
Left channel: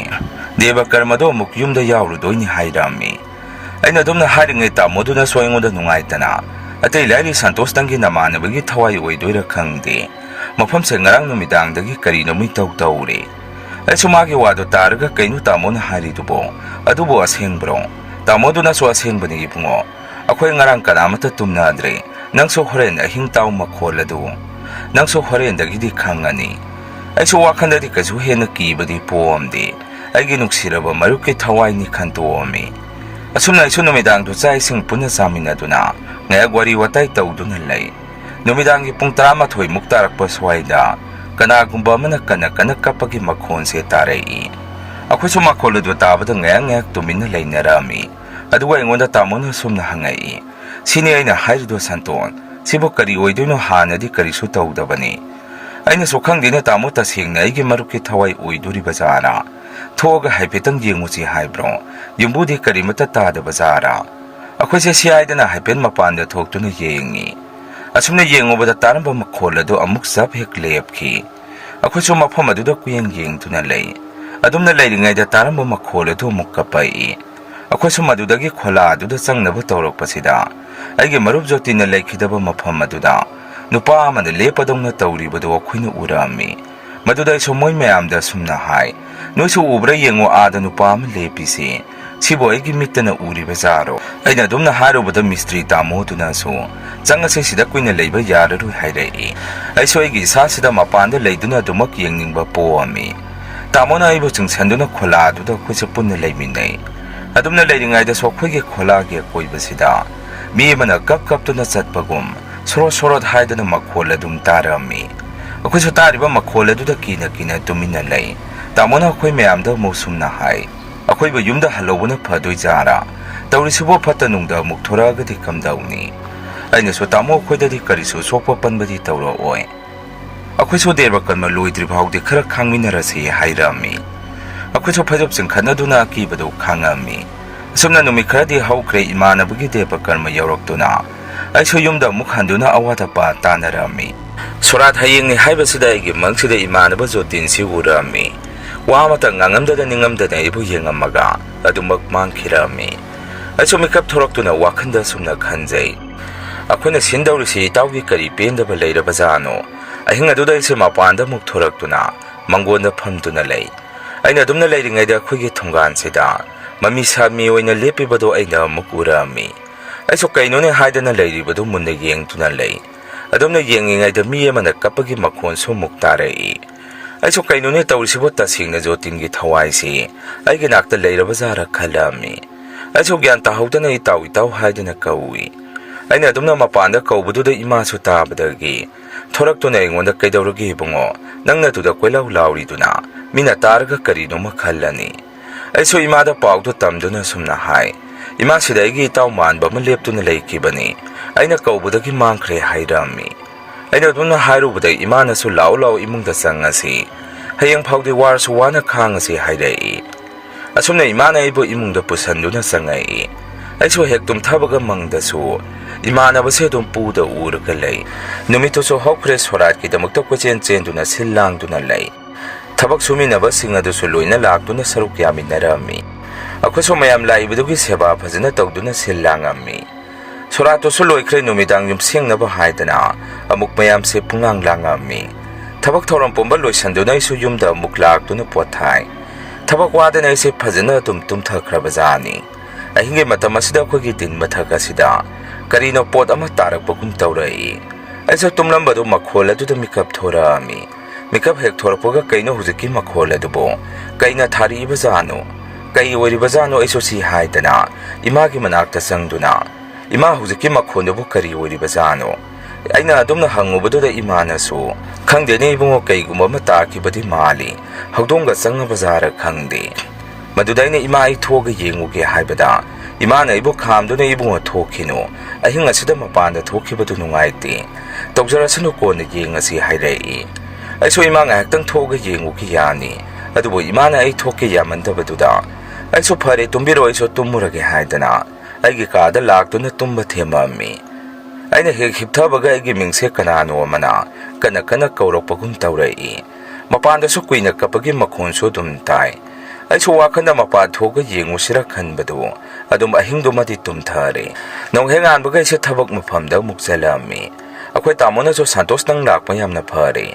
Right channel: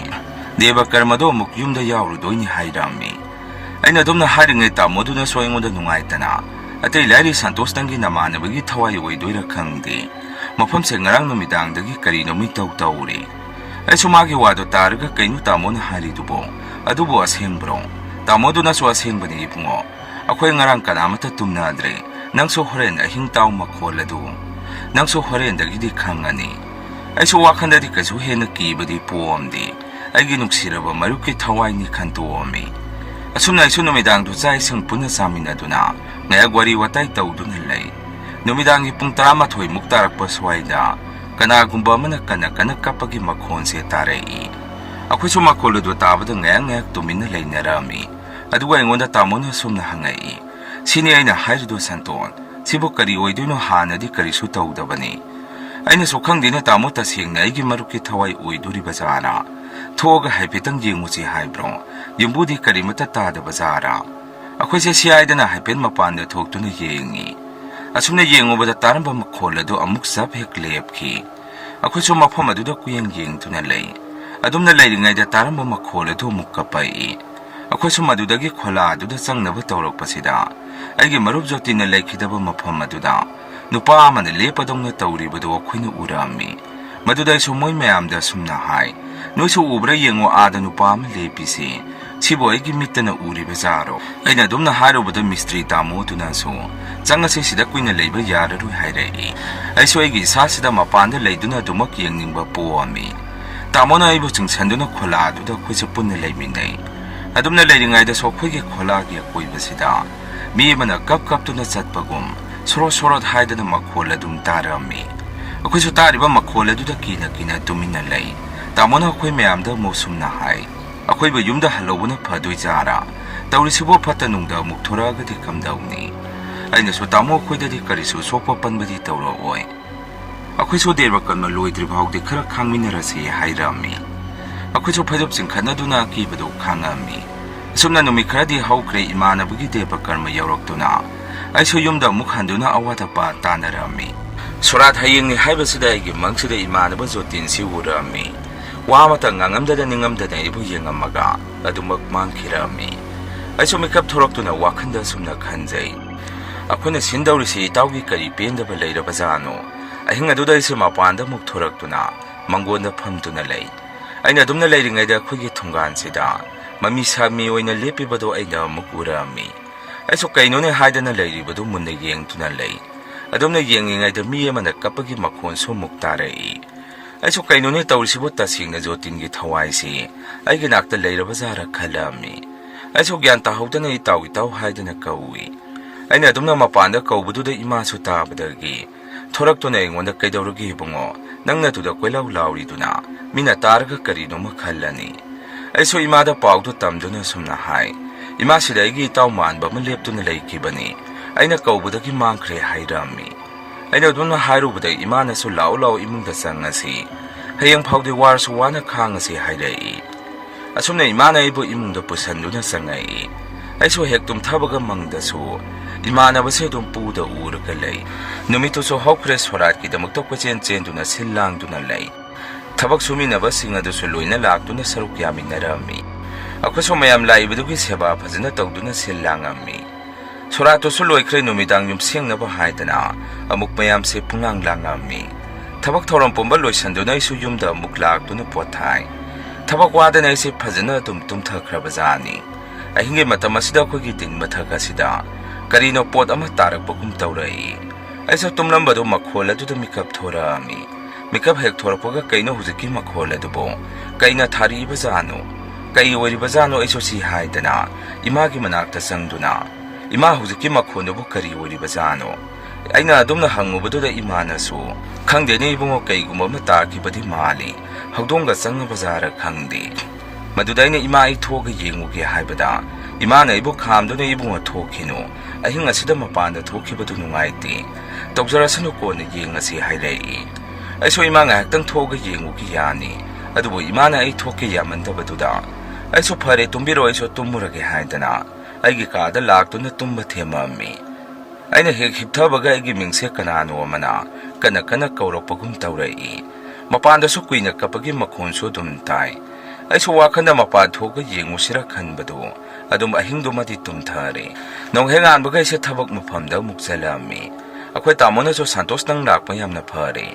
ꯗꯦꯕ ꯀꯔꯃꯗꯣ ꯑꯃꯨꯛ ꯌꯨꯝꯗ ꯌꯥꯎꯔꯨꯗꯣꯏꯅꯤ ꯍꯥꯏꯔꯝꯃꯤ ꯑꯩꯅ ꯑꯗꯨꯝꯅ ꯍꯥꯏꯔꯤꯉꯩ ꯇꯥꯃꯣꯗꯨꯅꯁꯨ ꯑꯩꯉꯣꯟꯗ ꯅꯨꯡꯉꯥꯏꯇꯅ ꯑꯇꯩ ꯂꯥꯏꯔꯤ ꯁꯟꯇꯣꯁꯇꯪꯒꯤ ꯅꯃꯥꯟꯅꯕꯒꯤ ꯊꯋꯥꯏ ꯑꯣꯏꯗꯣꯏꯔꯥ ꯈꯪꯗꯦ ꯃꯐꯝꯁꯦ ꯉꯔꯥꯡ ꯅꯨꯃꯤꯗꯥꯡꯗꯒꯤ ꯀꯔꯤꯅꯣ ꯃꯤꯇꯧ ꯇꯧꯔꯦ ꯑꯩꯁꯨ ꯃꯥꯒꯤ ꯋꯥꯗꯣ ꯇꯥꯔꯒ ꯀꯩꯅꯣ ꯇꯥꯃꯣꯅ ꯍꯥꯏꯔꯤꯗꯨꯕꯣ ꯑꯗꯨꯕꯨ ꯑꯁꯦꯡꯕ꯭ꯔꯣ ꯇꯥꯃꯣꯗꯨꯅꯁꯨ ꯑꯁꯦꯡꯕꯅꯤ ꯏꯕꯨꯡꯉꯣ ꯑꯩꯈꯣꯏ ꯉꯔꯥꯡ ꯀꯅꯥꯃꯠꯇ ꯇꯨꯝꯅꯗ꯭ꯔꯦ ꯅꯪꯁꯨ ꯍꯣꯔꯦꯟ ꯑꯍꯤꯡ ꯇꯥꯎ ꯃꯈꯣꯜ ꯑꯗꯨ ꯅꯪꯁꯨ ꯍꯣꯔꯦꯟꯗꯒꯤꯗꯤ ꯈꯪꯉꯅꯤ ꯑꯩꯁꯨ ꯋꯥꯈꯟꯗꯗꯤ ꯀꯩꯁꯨ ꯍꯦꯟꯅ ꯀꯤꯕꯗꯤ ꯄꯣꯛꯑꯝꯗꯦ ꯑꯩꯒꯤ ꯅꯨꯡꯁꯤꯔꯕ ꯃꯔꯨꯞꯀꯤ ꯊꯋꯥꯏꯅꯤ ꯈꯟꯇꯣꯛꯑꯝꯃꯤ ꯑꯁꯨꯝꯅ ꯑꯩꯁꯨ ꯅꯨꯃꯤꯗꯥꯡꯗꯨ ꯆꯥꯛ ꯏꯁꯤꯡ ꯄꯨꯟꯅ ꯆꯥꯃꯤꯟꯅꯗꯨꯅ ꯉꯥꯏꯍꯥꯛ ꯋꯥꯔꯤ ꯋꯥꯇꯥꯏ ꯇꯧꯗꯨꯅ ꯂꯩ ꯅꯨꯃꯤꯗꯥꯡꯒꯤ ꯄꯨꯡ 11 ꯇꯥꯔꯛꯄ ꯁ꯭ꯋꯥꯏꯗ ꯀꯅꯥꯒꯨꯝꯕ ꯑꯃꯅ ꯀꯟꯅ ꯀꯞꯄꯒꯤ ꯃꯈꯣꯟꯁꯦ ꯇꯥꯔꯛꯏ ꯑꯩꯈꯣꯏꯁꯨ ꯃꯈꯣꯜ ꯑꯗꯨ ꯇꯥꯕꯗ ꯉꯥꯏꯍꯥꯛ ꯇꯨꯃꯤꯟꯅ ꯂꯩꯅꯔꯝꯃꯤ ꯑꯗꯨꯒ ꯑꯩꯉꯣꯟꯗ ꯇꯥꯃꯣꯅ ꯁꯨꯝꯅ ꯍꯪꯉꯛꯏ ꯁꯤꯅꯤ ꯑꯩꯅ ꯍꯥꯏꯔꯤꯗꯣ ꯁꯟꯇꯣꯟ ꯁꯤꯕꯨ ꯀꯔꯤ ꯑꯣꯏꯗꯣꯏꯅꯣ ꯍꯥꯟꯅꯗꯤ ꯀꯔꯤꯁꯨ ꯇꯧꯗꯕꯅꯤ ꯑꯩꯅꯁꯨ ꯈꯪꯗꯦꯅꯦ ꯇꯥꯃꯣ ꯇꯁꯦꯡꯅ ꯑꯩꯒꯤ ꯃꯔꯨꯞꯀꯤ ꯊꯋꯥꯏ ꯑꯣꯏꯗꯣꯔꯤꯕ ꯖꯥꯔꯥ ꯊꯣꯛꯑꯒ ꯍꯥꯏꯐꯦꯠꯇꯪ ꯌꯦꯡꯉꯨꯁꯤ ꯍꯥꯏꯕ꯭ꯔꯣ ꯌꯨꯝꯕꯨꯗꯤ ꯀꯔꯤꯃꯠꯇ ꯇꯥꯗꯕ ꯖꯥꯔꯥ ꯑꯩꯈꯣꯏꯁꯦ ꯁꯤꯌꯥꯏꯗꯅ ꯍꯥꯏꯐꯦꯠ ꯃꯄꯥꯟꯗ ꯊꯣꯛꯇꯨꯅ ꯌꯦꯡꯉꯤ ꯑꯁꯨꯝꯅ ꯌꯦꯡꯉꯨꯕꯗ ꯇꯥꯔꯝꯕ ꯃꯈꯣꯜ ꯑꯗꯨ ꯑꯃꯨꯛ ꯆꯞ ꯍꯦꯛ ꯂꯦꯞꯈꯤ ꯑꯩꯈꯣꯏꯁꯨ ꯃꯐꯝ ꯑꯗꯨꯗ ꯀꯨꯌꯦꯡ ꯌꯦꯡꯗꯨꯅ ꯂꯩ ꯑꯗꯨꯝꯅ ꯂꯩꯔꯤꯉꯩꯗ ꯇꯥꯔꯝꯕ ꯃꯈꯣꯜ ꯑꯗꯨ ꯑꯃꯨꯛ ꯀꯞꯄꯛꯏ ꯑꯩꯈꯣꯏꯁꯨ ꯃꯗꯨꯗꯒꯤ ꯈꯣꯂꯥ ꯑꯗꯨꯗ ꯆꯪꯅꯕ ꯇꯧꯔꯛꯄꯁꯤꯗ ꯑꯩꯒꯤ ꯃꯔꯨꯞ ꯖꯣꯇꯤꯟꯅ ꯂꯩꯈꯤꯗꯕ ꯃꯐꯝ ꯑꯗꯨꯗ ꯅꯨꯄꯥ ꯑꯃꯅ ꯂꯦꯞꯄꯗꯧꯅ ꯇꯧꯔꯤꯕꯗꯨ ꯑꯩꯈꯣꯏꯅ ꯎꯔꯛꯑꯝꯃꯤ ꯃꯗꯨꯗ ꯑꯩꯁꯨ ꯃꯣꯏ ꯃꯌꯥꯝꯗ ꯁꯨꯝꯅ ꯍꯥꯏ ꯅꯣꯏꯁꯨ ꯎꯕ꯭ꯔꯥ ꯌꯦꯡꯉꯣ ꯑꯥꯗ ꯅꯨꯄꯥ ꯑꯃ ꯂꯦꯞꯄꯤꯁꯤ ꯁꯤꯕꯨ ꯑꯩꯒꯤ ꯃꯤꯠꯇꯅ ꯎꯔꯤꯕ ꯖꯥꯔꯣ ꯑꯩꯅ ꯑꯗꯨꯝꯅ ꯍꯥꯏꯔꯨꯕꯗ ꯃꯤꯁꯇ꯭ꯔꯤ ꯇꯥꯃꯣꯗꯨꯅꯁꯨ ꯆꯪꯉꯁꯤ ꯁꯤꯗ ꯀꯨꯏꯅ ꯂꯩꯕ ꯌꯥꯔꯔꯣꯏ ꯍꯥꯏꯔꯛꯏ ꯑꯩꯁꯨ ꯑꯩꯒꯤ ꯏꯁꯥꯁꯤꯗ ꯃꯄꯥꯟꯗ ꯂꯩꯗꯨꯅ ꯑꯗꯨꯃꯛ ꯌꯦꯡꯅꯤꯡꯕ ꯄꯣꯛꯑꯝꯃꯤ ꯇꯥꯃꯣꯅ ꯑꯩꯕꯨ ꯆꯤꯡꯁꯟꯗꯨꯅ ꯈꯣꯂꯥ ꯑꯗꯨꯗ ꯑꯩꯈꯣꯏꯁꯦ ꯄꯨꯟꯅ ꯂꯩꯃꯤꯟꯅꯩ ꯑꯗꯨꯝꯅ ꯂꯩꯔꯤꯉꯩꯗꯁꯨ ꯑꯩꯈꯣꯏꯒꯤ ꯈꯣꯂꯥꯒꯤ ꯑꯀꯣꯏꯕꯁꯤꯗ ꯃꯤ ꯑꯃꯅ ꯀꯞꯇꯨꯅ ꯆꯠꯄꯒꯨꯝ ꯁꯣꯔꯣꯠ ꯍꯥꯏꯗꯅ ꯃꯈꯣꯜ ꯑꯗꯨꯝ ꯇꯥꯔꯝꯃꯤ ꯑꯩꯈꯣꯏꯁꯨ ꯇꯥꯔꯤꯕ ꯃꯈꯣꯜ ꯑꯗꯨꯗ ꯀꯤꯅ ꯇꯨꯃꯤꯟꯅ ꯂꯩ ꯇꯥꯃꯣꯅ ꯑꯩꯈꯣꯏ ꯃꯌꯥꯝꯗ ꯑꯃꯨꯛ ꯁꯨꯝꯅ ꯍꯥꯏ ꯑꯩꯈꯣꯏꯕꯨ ꯌꯨꯝꯗ ꯍꯜꯂꯧꯕꯅ ꯐꯗꯣꯏꯖꯥꯔꯥ ꯇꯧꯔꯤꯁꯤꯕꯨ ꯐꯠꯇ ꯅꯨꯡꯗ ꯑꯃꯨꯛ ꯊꯣꯔꯛꯑꯒꯗꯤ ꯀꯝꯗꯧꯅꯤ ꯑꯩꯅꯁꯨ ꯇꯥꯃꯣ ꯑꯩꯈꯣꯏꯗꯗꯤ ꯀꯔꯤꯁꯨ ꯁꯣꯛꯄ ꯄꯟꯕꯗꯤ ꯇꯧꯔꯛꯑꯣꯏ ꯑꯩꯈꯣꯏꯁꯨ ꯗꯦꯕ ꯀꯔꯃ ꯂꯣꯏꯗ꯭ꯔꯤ ꯐꯥꯎꯗꯤ ꯈꯔ ꯈꯥꯡꯃꯤꯟꯅꯔꯁꯤ ꯍꯥꯏꯔꯝꯃꯤ ꯑꯩꯈꯣꯏꯁꯨ ꯐꯩꯖꯣꯞ ꯆꯤꯡꯈꯠꯅꯗꯨꯅ ꯑꯀꯤꯕꯗꯨ ꯈꯥꯡꯉꯝꯃꯤ ꯑꯁꯨꯝꯅ ꯅꯨꯃꯤꯠ ꯈꯔꯗꯤ ꯍꯧꯈ꯭ꯔꯦ ꯏꯃꯥꯟꯅꯕꯒꯤ ꯗꯦꯕ ꯀꯔꯃ ꯌꯧꯔꯛꯇꯨꯅ ꯑꯩꯁꯨ ꯌꯨꯝꯗ ꯑꯃꯨꯛ ꯍꯟꯗꯨꯅ ꯑꯋꯥꯠ ꯑꯄꯥ ꯇꯥꯟꯅꯔꯝꯃꯤ ꯁꯣꯔꯥꯠ ꯍꯌꯦꯡꯅꯤ ꯍꯥꯏꯕꯁꯤꯗ ꯑꯩꯒꯤ ꯃꯪꯁꯤꯗ ꯏꯃꯥꯟꯅꯕ ꯖꯣꯇꯤꯟꯁꯤ ꯎꯔꯛꯑꯝꯃꯤ ꯋꯥ ꯑꯃꯇ ꯉꯥꯡꯉꯝꯗꯅ ꯅꯤꯡꯉꯝꯗꯅ ꯑꯩꯕꯨ ꯌꯦꯡꯉꯝꯃꯒ ꯑꯗꯨꯃꯛ ꯃꯥꯡꯈꯤꯔꯛꯑꯝꯃꯤ ꯑꯩꯁꯨ ꯃꯤꯀꯞ ꯊꯣꯔꯛꯇꯨꯅ ꯋꯥꯈꯟꯗ ꯁꯨꯝꯅ ꯈꯟꯖꯩ ꯑꯩꯈꯣꯏꯅ ꯁꯤꯟꯗꯧꯔꯤꯁꯤ ꯏꯇꯥꯎꯒꯤ ꯀꯔꯤ ꯄꯦꯟꯗꯕ ꯂꯩꯔꯕꯖꯥꯠꯅꯣ ꯑꯍꯤꯡ ꯑꯗꯨꯗ ꯑꯩꯁꯦ ꯃꯄꯥꯟꯗ ꯑꯃꯨꯛ ꯊꯣꯔꯛꯇꯨꯅ ꯃꯪꯒꯣꯟꯗ ꯐꯝꯗꯨꯅ ꯂꯩ ꯑꯩꯅ ꯑꯗꯨꯝꯅ ꯂꯩꯔꯤꯉꯩꯗ ꯑꯩꯈꯣꯏꯒꯤ ꯊꯣꯡꯒꯥꯟꯁꯤꯗ ꯃꯃꯤ ꯁꯥꯃꯤ ꯑꯣꯏꯅ ꯂꯦꯞꯄꯤꯕꯗꯣ ꯑꯩꯅ ꯑꯃꯨꯛ ꯎꯔꯛꯑꯝꯃꯤ ꯑꯩꯁꯨ ꯀꯩꯅꯣꯅꯦ ꯍꯥꯏꯗꯅ ꯂꯩꯔꯤꯕꯗꯨ ꯃꯨꯟꯅ ꯌꯦꯡꯗꯨꯅ ꯂꯩ ꯑꯗꯨꯝꯅ ꯌꯦꯡꯂꯤꯉꯩꯗ ꯃꯤ ꯑꯃꯅ ꯀꯞꯄꯒꯤ ꯃꯈꯣꯟꯁꯨ ꯑꯃꯨꯛ ꯇꯥꯔꯛꯏ ꯑꯩꯁꯨ ꯀꯩꯅꯣꯅꯦ ꯇꯧꯔꯤꯁꯤꯕꯨ ꯇꯁꯦꯡꯅ ꯖꯣꯇꯤꯟꯒꯤ ꯊꯋꯥꯏꯁꯤ ꯑꯩꯒꯤ ꯅꯥꯛꯇ ꯂꯩꯔꯕꯖꯥꯔꯥ ꯈꯜꯂꯛꯑꯝꯃꯤ ꯑꯩꯁꯨ ꯒ꯭ꯌꯥꯟ ꯇꯥꯍꯧꯗꯅ ꯏꯇꯥꯎ ꯍꯥꯏꯗꯅ ꯀꯧꯏ ꯑꯩꯅ ꯑꯗꯨꯝꯅ ꯃꯄꯥꯟꯗ ꯀꯧꯕꯗꯨꯗ ꯏꯃꯥꯁꯨ ꯇꯥꯕꯗꯒꯤ ꯊꯣꯔꯛꯇꯨꯅ ꯑꯩꯉꯣꯟꯗ ꯀꯩꯗꯧꯔꯒꯦ ꯏꯕꯨꯡꯉꯣ ꯅꯪꯅ ꯑꯗꯨꯗ ꯀꯣꯏꯂꯥꯎ ꯂꯥꯎꯔꯤꯗꯨꯅ ꯃꯤꯅ ꯇꯥꯔꯒ ꯀꯔꯤꯅꯣꯃ ꯈꯜꯂꯅꯤ ꯑꯩꯁꯨ ꯏꯃꯥꯗ ꯄꯥꯎꯗꯨ ꯇꯝꯗꯨꯅ ꯁꯨꯝꯅ ꯍꯥꯏ ꯏꯃꯥꯁꯤꯗ ꯑꯩꯒꯤ ꯏꯇꯥꯎ ꯃꯥꯟꯕ ꯑꯃ ꯂꯦꯞꯇꯨꯅ ꯂꯩꯈꯤꯕꯅꯤ ꯑꯩꯅ ꯀꯧꯕꯗꯒꯤ ꯃꯥꯡꯈ꯭ꯔꯦ ꯍꯥꯏꯔꯝꯃꯤ ꯑꯩꯅ ꯑꯗꯨꯝꯅ ꯍꯥꯏꯔꯨꯕꯗ ꯏꯃꯥꯅꯁꯨ ꯂꯥꯎ ꯂꯥꯎ ꯏꯃꯨꯡꯗ ꯆꯪꯉꯁꯤ ꯍꯌꯦꯡ ꯐꯥꯎꯗꯤ ꯋꯥꯔꯁꯨ ꯋꯥꯅ ꯈꯥꯡꯉꯁꯤ ꯍꯥꯏꯔꯛꯏ ꯑꯁꯨꯝꯅ ꯏꯃꯥꯅ ꯑꯩꯕꯨ ꯏꯃꯨꯡꯗ ꯄꯨꯁꯟꯗꯨꯅ ꯆꯪꯉꯛꯏ ꯑꯩꯁꯨ ꯍꯦꯛ ꯇꯨꯝꯊꯕꯒ ꯃꯪꯗꯁꯨ ꯏꯃꯥꯟꯅꯕꯁꯦ ꯑꯗꯨꯝ ꯄꯨꯗ ꯎꯔꯒ ꯂꯩ ꯅꯨꯃꯤꯠꯇꯨꯁꯨ ꯍꯧꯈ꯭ꯔꯦ ꯁꯣꯔꯥꯠꯀꯤꯗꯃꯛꯇ ꯀꯣꯏꯆꯦꯟ ꯆꯦꯟꯗꯨꯅ ꯁꯤꯜ ꯂꯥꯡꯗꯨꯅ ꯂꯩ ꯊꯕꯛ ꯁꯨꯃꯤꯟꯅꯕꯁꯤꯡ ꯑꯗꯨꯁꯨ ꯂꯣꯏꯅ ꯂꯥꯛꯇꯨꯅ ꯁꯔꯨꯛ ꯌꯥꯃꯤꯟꯅꯔꯝꯃꯤ ꯑꯩꯈꯣꯏꯁꯨ ꯃꯌꯥꯝ ꯂꯥꯛꯏꯕꯗꯨꯒꯤ ꯁꯦꯕꯥ ꯐꯖꯅ ꯇꯧꯗꯨꯅ ꯁꯤꯜ ꯂꯥꯡꯉꯝꯃꯤ ꯁꯣꯔꯥꯠꯇꯨꯁꯨ ꯂꯣꯏꯈ꯭ꯔꯦ ꯅꯨꯃꯤꯗꯥꯡ ꯌꯨꯝꯁꯦꯡꯅꯕ ꯍꯥꯏꯗꯅ ꯑꯃꯨꯛ ꯃꯌꯥꯝꯁꯦ ꯄꯨꯡꯂꯥꯡ ꯂꯥꯡꯉꯝꯃꯤ ꯊꯕꯛ ꯊꯧꯔꯝ ꯄꯨꯝꯕ ꯂꯣꯏꯁꯟꯗꯨꯅ ꯑꯩꯁꯨ ꯌꯨꯝꯗ ꯑꯃꯨꯛ ꯂꯥꯛꯇꯨꯅ ꯄꯣꯠꯊꯥꯏ ꯊꯕꯛ ꯋꯥꯗꯅ ꯑꯩꯁꯦ ꯐꯖꯅ ꯑꯗꯨꯝ ꯇꯨꯝꯊꯈ꯭ꯔꯕꯖꯥꯠꯅꯤ ꯑꯍꯤꯡꯒꯤ ꯃꯇꯝ ꯑꯁꯤꯗ ꯑꯩꯈꯣꯏꯒꯤ ꯗꯤꯟ ꯃꯊꯛ ꯑꯁꯤꯗ ꯀꯔꯤꯅꯣ ꯄꯣꯠ ꯑꯃ ꯇꯥꯔꯛꯄꯒꯨꯝ ꯇꯧꯔꯛꯏ ꯑꯩꯁꯨ ꯇꯨꯝꯂꯝꯕꯗꯨ ꯃꯈꯣꯜ ꯑꯗꯨꯗ ꯃꯤꯀꯞ ꯊꯣꯔꯛꯑꯝꯃꯤ ꯃꯤꯀꯞ ꯍꯦꯛ ꯊꯣꯔꯛꯄꯒ ꯀꯩꯅꯣ ꯍꯧꯖꯤꯛꯀꯤ ꯃꯈꯣꯜ ꯑꯗꯨꯕꯨ ꯀꯩꯅ ꯊꯥꯔꯛꯏꯕꯖꯥꯠꯅꯣ ꯀꯩ ꯑꯣꯏꯔꯤꯕꯖꯥꯠꯅꯣ ꯑꯩꯁꯨ ꯁꯤ ꯍꯥꯏꯗꯅ ꯏꯃꯥꯒꯤ ꯃꯅꯥꯛꯇ ꯆꯪꯗꯨꯅ ꯏꯃꯥ ꯍꯧꯖꯤꯛꯀꯤ ꯃꯈꯣꯟꯗꯨꯕꯨ ꯀꯔꯤ ꯑꯣꯏꯔꯤꯕꯖꯥꯠꯅꯣ ꯑꯩꯅ ꯑꯗꯨꯝꯅ ꯍꯪꯉꯨꯕꯗꯨꯗ ꯏꯃꯥꯅꯁꯨ ꯈꯪꯗꯦꯅꯦ ꯏꯕꯨꯡꯉꯣ ꯀꯩꯒꯨꯝꯕ ꯑꯃ ꯇꯥꯈꯤꯕꯗꯤ ꯃꯥꯜꯂꯤ ꯍꯧꯗꯣꯡꯒ ꯆꯪꯉꯕꯖꯥꯔ ꯈꯪꯗꯦ ꯃꯗꯨꯗ ꯑꯩꯅ ꯏꯃꯥ ꯑꯩ ꯊꯣꯛꯑꯒ ꯌꯦꯡꯉꯨꯒꯦ ꯍꯥꯏꯕꯗ ꯏꯃꯥꯅ ꯑꯩꯕꯨ ꯈꯥꯝꯗꯨꯅ ꯏꯕꯨꯡꯉꯣ ꯊꯣꯛꯈꯤꯅꯨ ꯑꯍꯤꯡ ꯑꯁꯤꯗ ꯃꯄꯥꯟꯗ ꯊꯣꯛꯈꯤꯕꯗꯨ ꯅꯨꯡꯉꯥꯏꯇꯦ ꯇꯧꯖꯔꯁꯅꯨ ꯀꯣꯟꯅ ꯌꯦꯡꯉꯁꯤ ꯍꯥꯏꯔꯛꯏ ꯑꯩꯁꯨ ꯏꯃꯥ ꯉꯥꯏꯍꯥꯛꯇꯪ ꯊꯣꯛꯑꯒ ꯌꯦꯡꯉꯨꯒꯦ ꯌꯥꯅꯤ ꯑꯗꯨꯕꯨ ꯏꯃꯥꯅ ꯑꯩ ꯊꯣꯛꯀꯦ ꯌꯥꯃꯟꯗꯕꯗꯨꯗ ꯑꯩꯁꯨ ꯐꯔꯦ ꯇꯨꯝꯕꯤꯔꯣ ꯑꯩꯁꯨ ꯇꯨꯝꯃꯨꯔꯒꯦ ꯍꯥꯏꯗꯅ ꯑꯩꯒꯤ ꯀꯥꯗ ꯂꯥꯛꯇꯨꯅ ꯇꯨꯝꯕ ꯊꯦꯝꯃꯝꯃꯤ ꯑꯩꯅ ꯍꯦꯛ ꯍꯤꯞꯊꯕꯒ ꯑꯩꯒꯤ ꯃꯤꯡꯁꯦ ꯀꯅꯥꯅꯣ ꯑꯃꯅ ꯀꯟꯅ ꯀꯟꯅ ꯀꯧꯔꯛꯄꯒꯨꯝ ꯇꯧꯔꯛꯏ ꯃꯄꯥꯟꯗꯁꯨ ꯀꯨꯏꯅ ꯀꯞꯄꯒꯤ ꯃꯈꯣꯟꯁꯨ ꯑꯗꯨꯝ ꯇꯥꯏ ꯑꯩꯁꯨ ꯋꯥꯈꯟꯗ ꯃꯄꯥꯟ ꯊꯣꯛꯑꯒ ꯌꯦꯡꯉꯨꯁꯤꯔ ꯈꯟꯕꯗꯨ ꯑꯗꯨꯝ ꯑꯍꯤꯡꯗꯨꯃꯗꯤ ꯇꯨꯝꯊꯔꯦ ꯅꯣꯡꯍꯦꯛ ꯉꯥꯟꯕꯒ ꯑꯩꯁꯦ ꯊꯕꯛ ꯃꯐꯝꯗ ꯑꯃꯨꯛ ꯆꯠꯂꯝꯃꯤ ꯑꯩꯈꯣꯏ ꯇꯥꯃꯣꯅꯁꯨ ꯁꯟꯇꯣꯁ ꯅꯪ ꯂꯥꯛꯄ ꯌꯥꯝꯅ ꯐꯔꯦ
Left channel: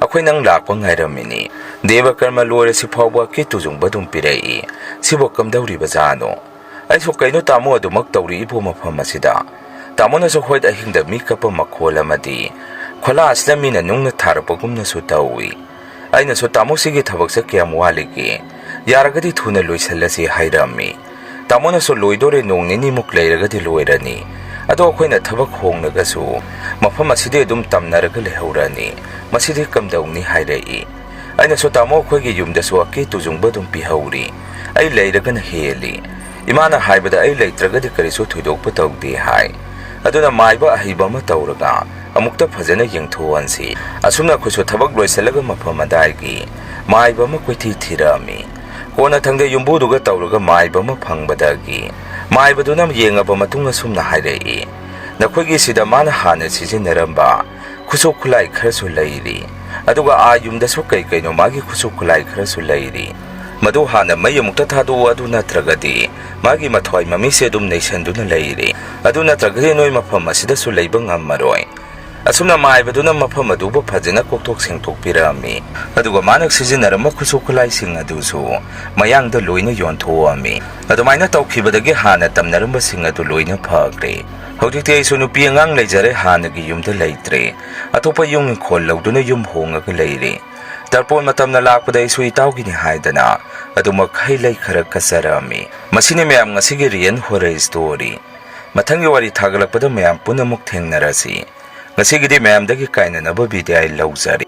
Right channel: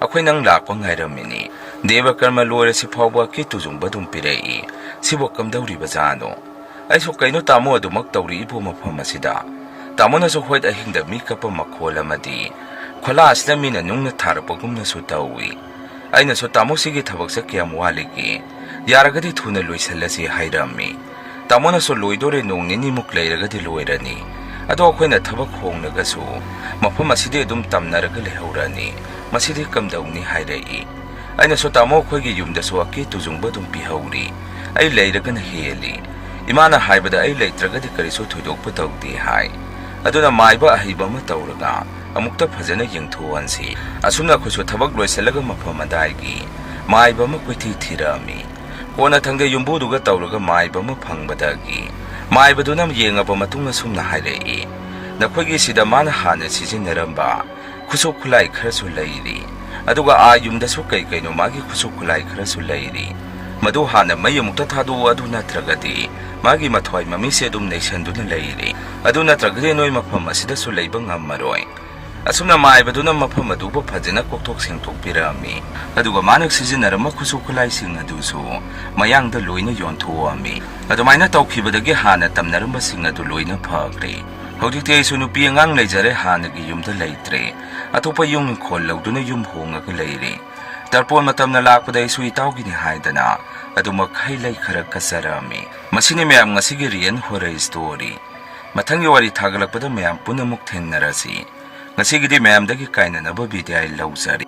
ꯑꯩꯈꯣꯏ ꯅꯪ ꯂꯥꯛꯄ ꯉꯥꯏꯔꯝꯃꯤꯅꯤ ꯗꯦꯕ ꯀꯔꯃ ꯂꯣꯏꯔꯁꯤ ꯐꯥꯎꯕ ꯀꯤ ꯇꯨꯖꯨꯡꯕ ꯑꯗꯨꯝ ꯄꯤꯔꯛꯏ ꯁꯤꯕꯨ ꯀꯝꯗꯧꯔꯤꯕꯖꯥꯠꯅꯣ ꯑꯩꯁꯨ ꯀꯩꯅꯣ ꯇꯥꯃꯣ ꯑꯗꯨꯃꯛ ꯇꯧꯔꯤꯏꯕꯣ ꯃꯐꯝ ꯑꯁꯤꯗ ꯇꯥꯃꯣꯅꯁꯨ ꯍꯣꯏ ꯑꯍꯤꯡꯗ ꯃꯤ ꯀꯞꯄ ꯃꯈꯣꯜ ꯑꯃꯗꯤ ꯈꯣꯂꯥ ꯑꯁꯤꯗ ꯃꯤꯅ ꯅꯨꯡꯅ ꯊꯥꯔꯛꯄꯒꯨꯝꯅꯁꯨ ꯇꯧꯏ ꯑꯩꯅꯁꯨ ꯇꯥꯃꯣꯁꯤꯒꯤ ꯊꯕꯛꯁꯦ ꯀꯌꯥꯝ ꯋꯥꯠꯂꯤꯒꯦ ꯌꯥꯔꯒꯗꯤ ꯊꯨꯅ ꯂꯣꯏꯁꯜꯂꯁꯤ ꯍꯥꯏꯔꯝꯃꯤ ꯇꯥꯃꯣꯅꯁꯨ ꯂꯣꯏꯗꯣꯔꯦ ꯅꯣꯡ ꯅꯤꯅꯤꯃꯨꯛ ꯂꯩꯔꯒꯗꯤ ꯂꯣꯏꯔꯅꯤ ꯑꯗꯣ ꯑꯩꯈꯣꯏꯅ ꯊꯕꯛ ꯍꯣꯡꯂꯒꯁꯨ ꯃꯐꯝ ꯑꯁꯤꯗꯤ ꯑꯗꯨꯝ ꯇꯝꯅꯔꯒ ꯂꯩꯍꯧꯔꯅꯤ ꯃꯁꯤꯗꯤ ꯀꯝꯗꯧꯅꯤ ꯍꯥꯏꯔꯛꯏ ꯑꯩꯅꯁꯨ ꯇꯥꯃꯣ ꯑꯩꯈꯣꯏꯒꯤ ꯌꯨꯝꯗꯁꯨ ꯑꯀꯤ ꯇꯨꯖꯨꯡꯕ ꯑꯗꯨꯝ ꯄꯤꯍꯧꯔꯤ ꯑꯩ ꯂꯩꯔꯒꯅ ꯍꯦꯜꯂꯤ ꯏꯃꯥꯅ ꯍꯥꯏꯕꯗ ꯑꯩ ꯂꯩꯇ꯭ꯔꯒꯗꯤ ꯀꯔꯤꯁꯨ ꯊꯣꯏꯗꯣꯛꯄ ꯇꯧꯗꯦ ꯍꯥꯏ ꯑꯗꯨꯅ ꯃꯥꯏꯕ ꯑꯍꯩꯕ ꯑꯃ ꯇꯧꯔꯒ ꯑꯃꯨꯛꯇ ꯐꯖꯅ ꯌꯦꯡꯊꯣꯛꯍꯟꯁꯤ ꯑꯁꯨꯝꯅ ꯑꯩꯈꯣꯏꯁꯨ ꯊꯕꯛ ꯂꯣꯏꯁꯤꯜꯂꯒ ꯃꯐꯝ ꯑꯗꯥꯏꯒꯤ ꯃꯥꯏꯕ ꯑꯃ ꯀꯣꯏꯊꯤ ꯊꯤꯔꯛꯑꯝꯃꯤ ꯀꯣꯟꯅ ꯊꯪꯗ ꯌꯨꯝꯕꯨꯗꯨꯒ ꯇꯧꯔꯒ ꯃꯥꯏꯕ ꯑꯃ ꯐꯪꯕꯗꯒꯤ ꯃꯥꯏꯕꯗꯨꯅ ꯌꯦꯡꯉꯕ ꯃꯇꯨꯡ ꯑꯁꯨꯝꯅ ꯍꯥꯏꯔꯛꯏ ꯅꯈꯣꯏꯒꯤ ꯁꯤꯗ ꯃꯥꯅ ꯍꯥꯟꯅ ꯁꯤꯖꯤꯟꯅꯔꯝꯕ ꯈꯨꯠꯁꯨ ꯈꯨꯠꯂꯥꯏ ꯈꯔꯁꯨ ꯂꯩꯔꯤ ꯑꯗꯨꯒ ꯌꯨꯝꯗꯁꯨ ꯀꯩꯅꯣ ꯃꯥꯒꯤ ꯈꯨꯠꯁꯨ ꯈꯨꯠꯂꯥꯏ ꯈꯔꯁꯨ ꯂꯩꯔꯤ ꯃꯗꯨ ꯍꯥꯟꯅ ꯃꯩ ꯑꯃꯨꯛꯇ ꯊꯥꯗꯣꯛꯎ ꯑꯗꯨ ꯅꯠꯇ꯭ꯔꯒꯗꯤ ꯃꯥꯒꯤ ꯃꯊ꯭ꯋꯥꯏ ꯃꯃꯤꯁꯦ ꯑꯗꯨꯝ ꯅꯩꯁꯟꯗꯨꯅ ꯂꯩꯔꯤ ꯑꯗꯨ ꯅꯠꯇ꯭ꯔꯒꯗꯤ ꯅꯣꯏ ꯃꯐꯝ ꯑꯁꯤꯗꯁꯨ ꯂꯩꯕ ꯉꯝꯃꯔꯣꯏ ꯑꯁꯨꯝꯅ ꯃꯥꯏꯕꯗꯨꯅ ꯃꯐꯝ ꯑꯗꯨꯕꯨ ꯐꯖꯅ ꯀꯣꯛꯊꯣꯛ ꯁꯦꯡꯊꯣꯛꯄꯤꯔꯛꯑꯝꯃꯤ ꯑꯗꯨꯒ ꯃꯥꯅ ꯁꯤꯖꯤꯟꯅꯔꯝꯕ ꯈꯨꯠꯁꯨ ꯈꯨꯠꯂꯥꯏꯁꯤꯡ ꯑꯗꯨꯁꯨ ꯃꯌꯥꯡꯗ ꯂꯣꯏꯅ ꯌꯣꯟꯊꯣꯛꯑꯝꯃꯤ ꯑꯗꯨꯃꯥꯏꯅ ꯇꯧꯈꯤꯕꯗꯒꯤ ꯍꯥꯟꯅ ꯇꯝꯅꯔꯝꯕꯁꯤꯡ ꯑꯗꯨ ꯂꯣꯏꯅ ꯐꯈ꯭ꯔꯦ ꯍꯧꯖꯤꯛꯇꯤ ꯑꯩꯁꯨ ꯅꯨꯄꯤ ꯑꯉꯥꯡ ꯂꯩꯖꯔꯦ ꯍꯥꯟꯅꯒꯤ ꯌꯨꯝꯗ ꯂꯩꯇ꯭ꯔꯦ ꯑꯇꯣꯞꯄ ꯌꯨꯝ ꯏꯪꯈꯣꯜ ꯂꯧꯗꯨꯅ ꯌꯨꯝ ꯍꯣꯡꯉꯒ ꯂꯩꯔꯦ ꯇꯔꯄꯣꯟ ꯃꯇꯝꯅ ꯂꯥꯛꯄꯗ ꯑꯩꯁꯨ ꯏꯇꯥꯎꯒꯤꯅꯤ ꯍꯥꯏꯗꯅ ꯑꯗꯨꯃꯛ ꯍꯩ ꯂꯩ ꯈꯔ ꯀꯠꯆꯔꯛꯑꯝꯃꯤ ꯃꯁꯤꯅꯤ ꯃꯌꯥꯝ ꯉꯁꯤꯒꯤ ꯔꯤꯌꯦꯜ ꯍꯣꯔꯔ ꯁ꯭ꯇꯣꯔꯤ ꯃꯊꯪꯒꯤ ꯋꯥꯔꯤ ꯊꯥꯒꯠꯂꯛꯄꯗ ꯃꯌꯥꯝ ꯄꯨꯟꯅꯃꯨꯛ ꯊꯦꯡꯅꯔꯁꯤ ꯉꯁꯤꯒꯤꯗꯤ ꯃꯌꯥꯝꯗꯒꯤ ꯀꯥꯏꯅꯅꯕ ꯕꯤꯗꯥꯏ ꯂꯧꯖꯔꯤ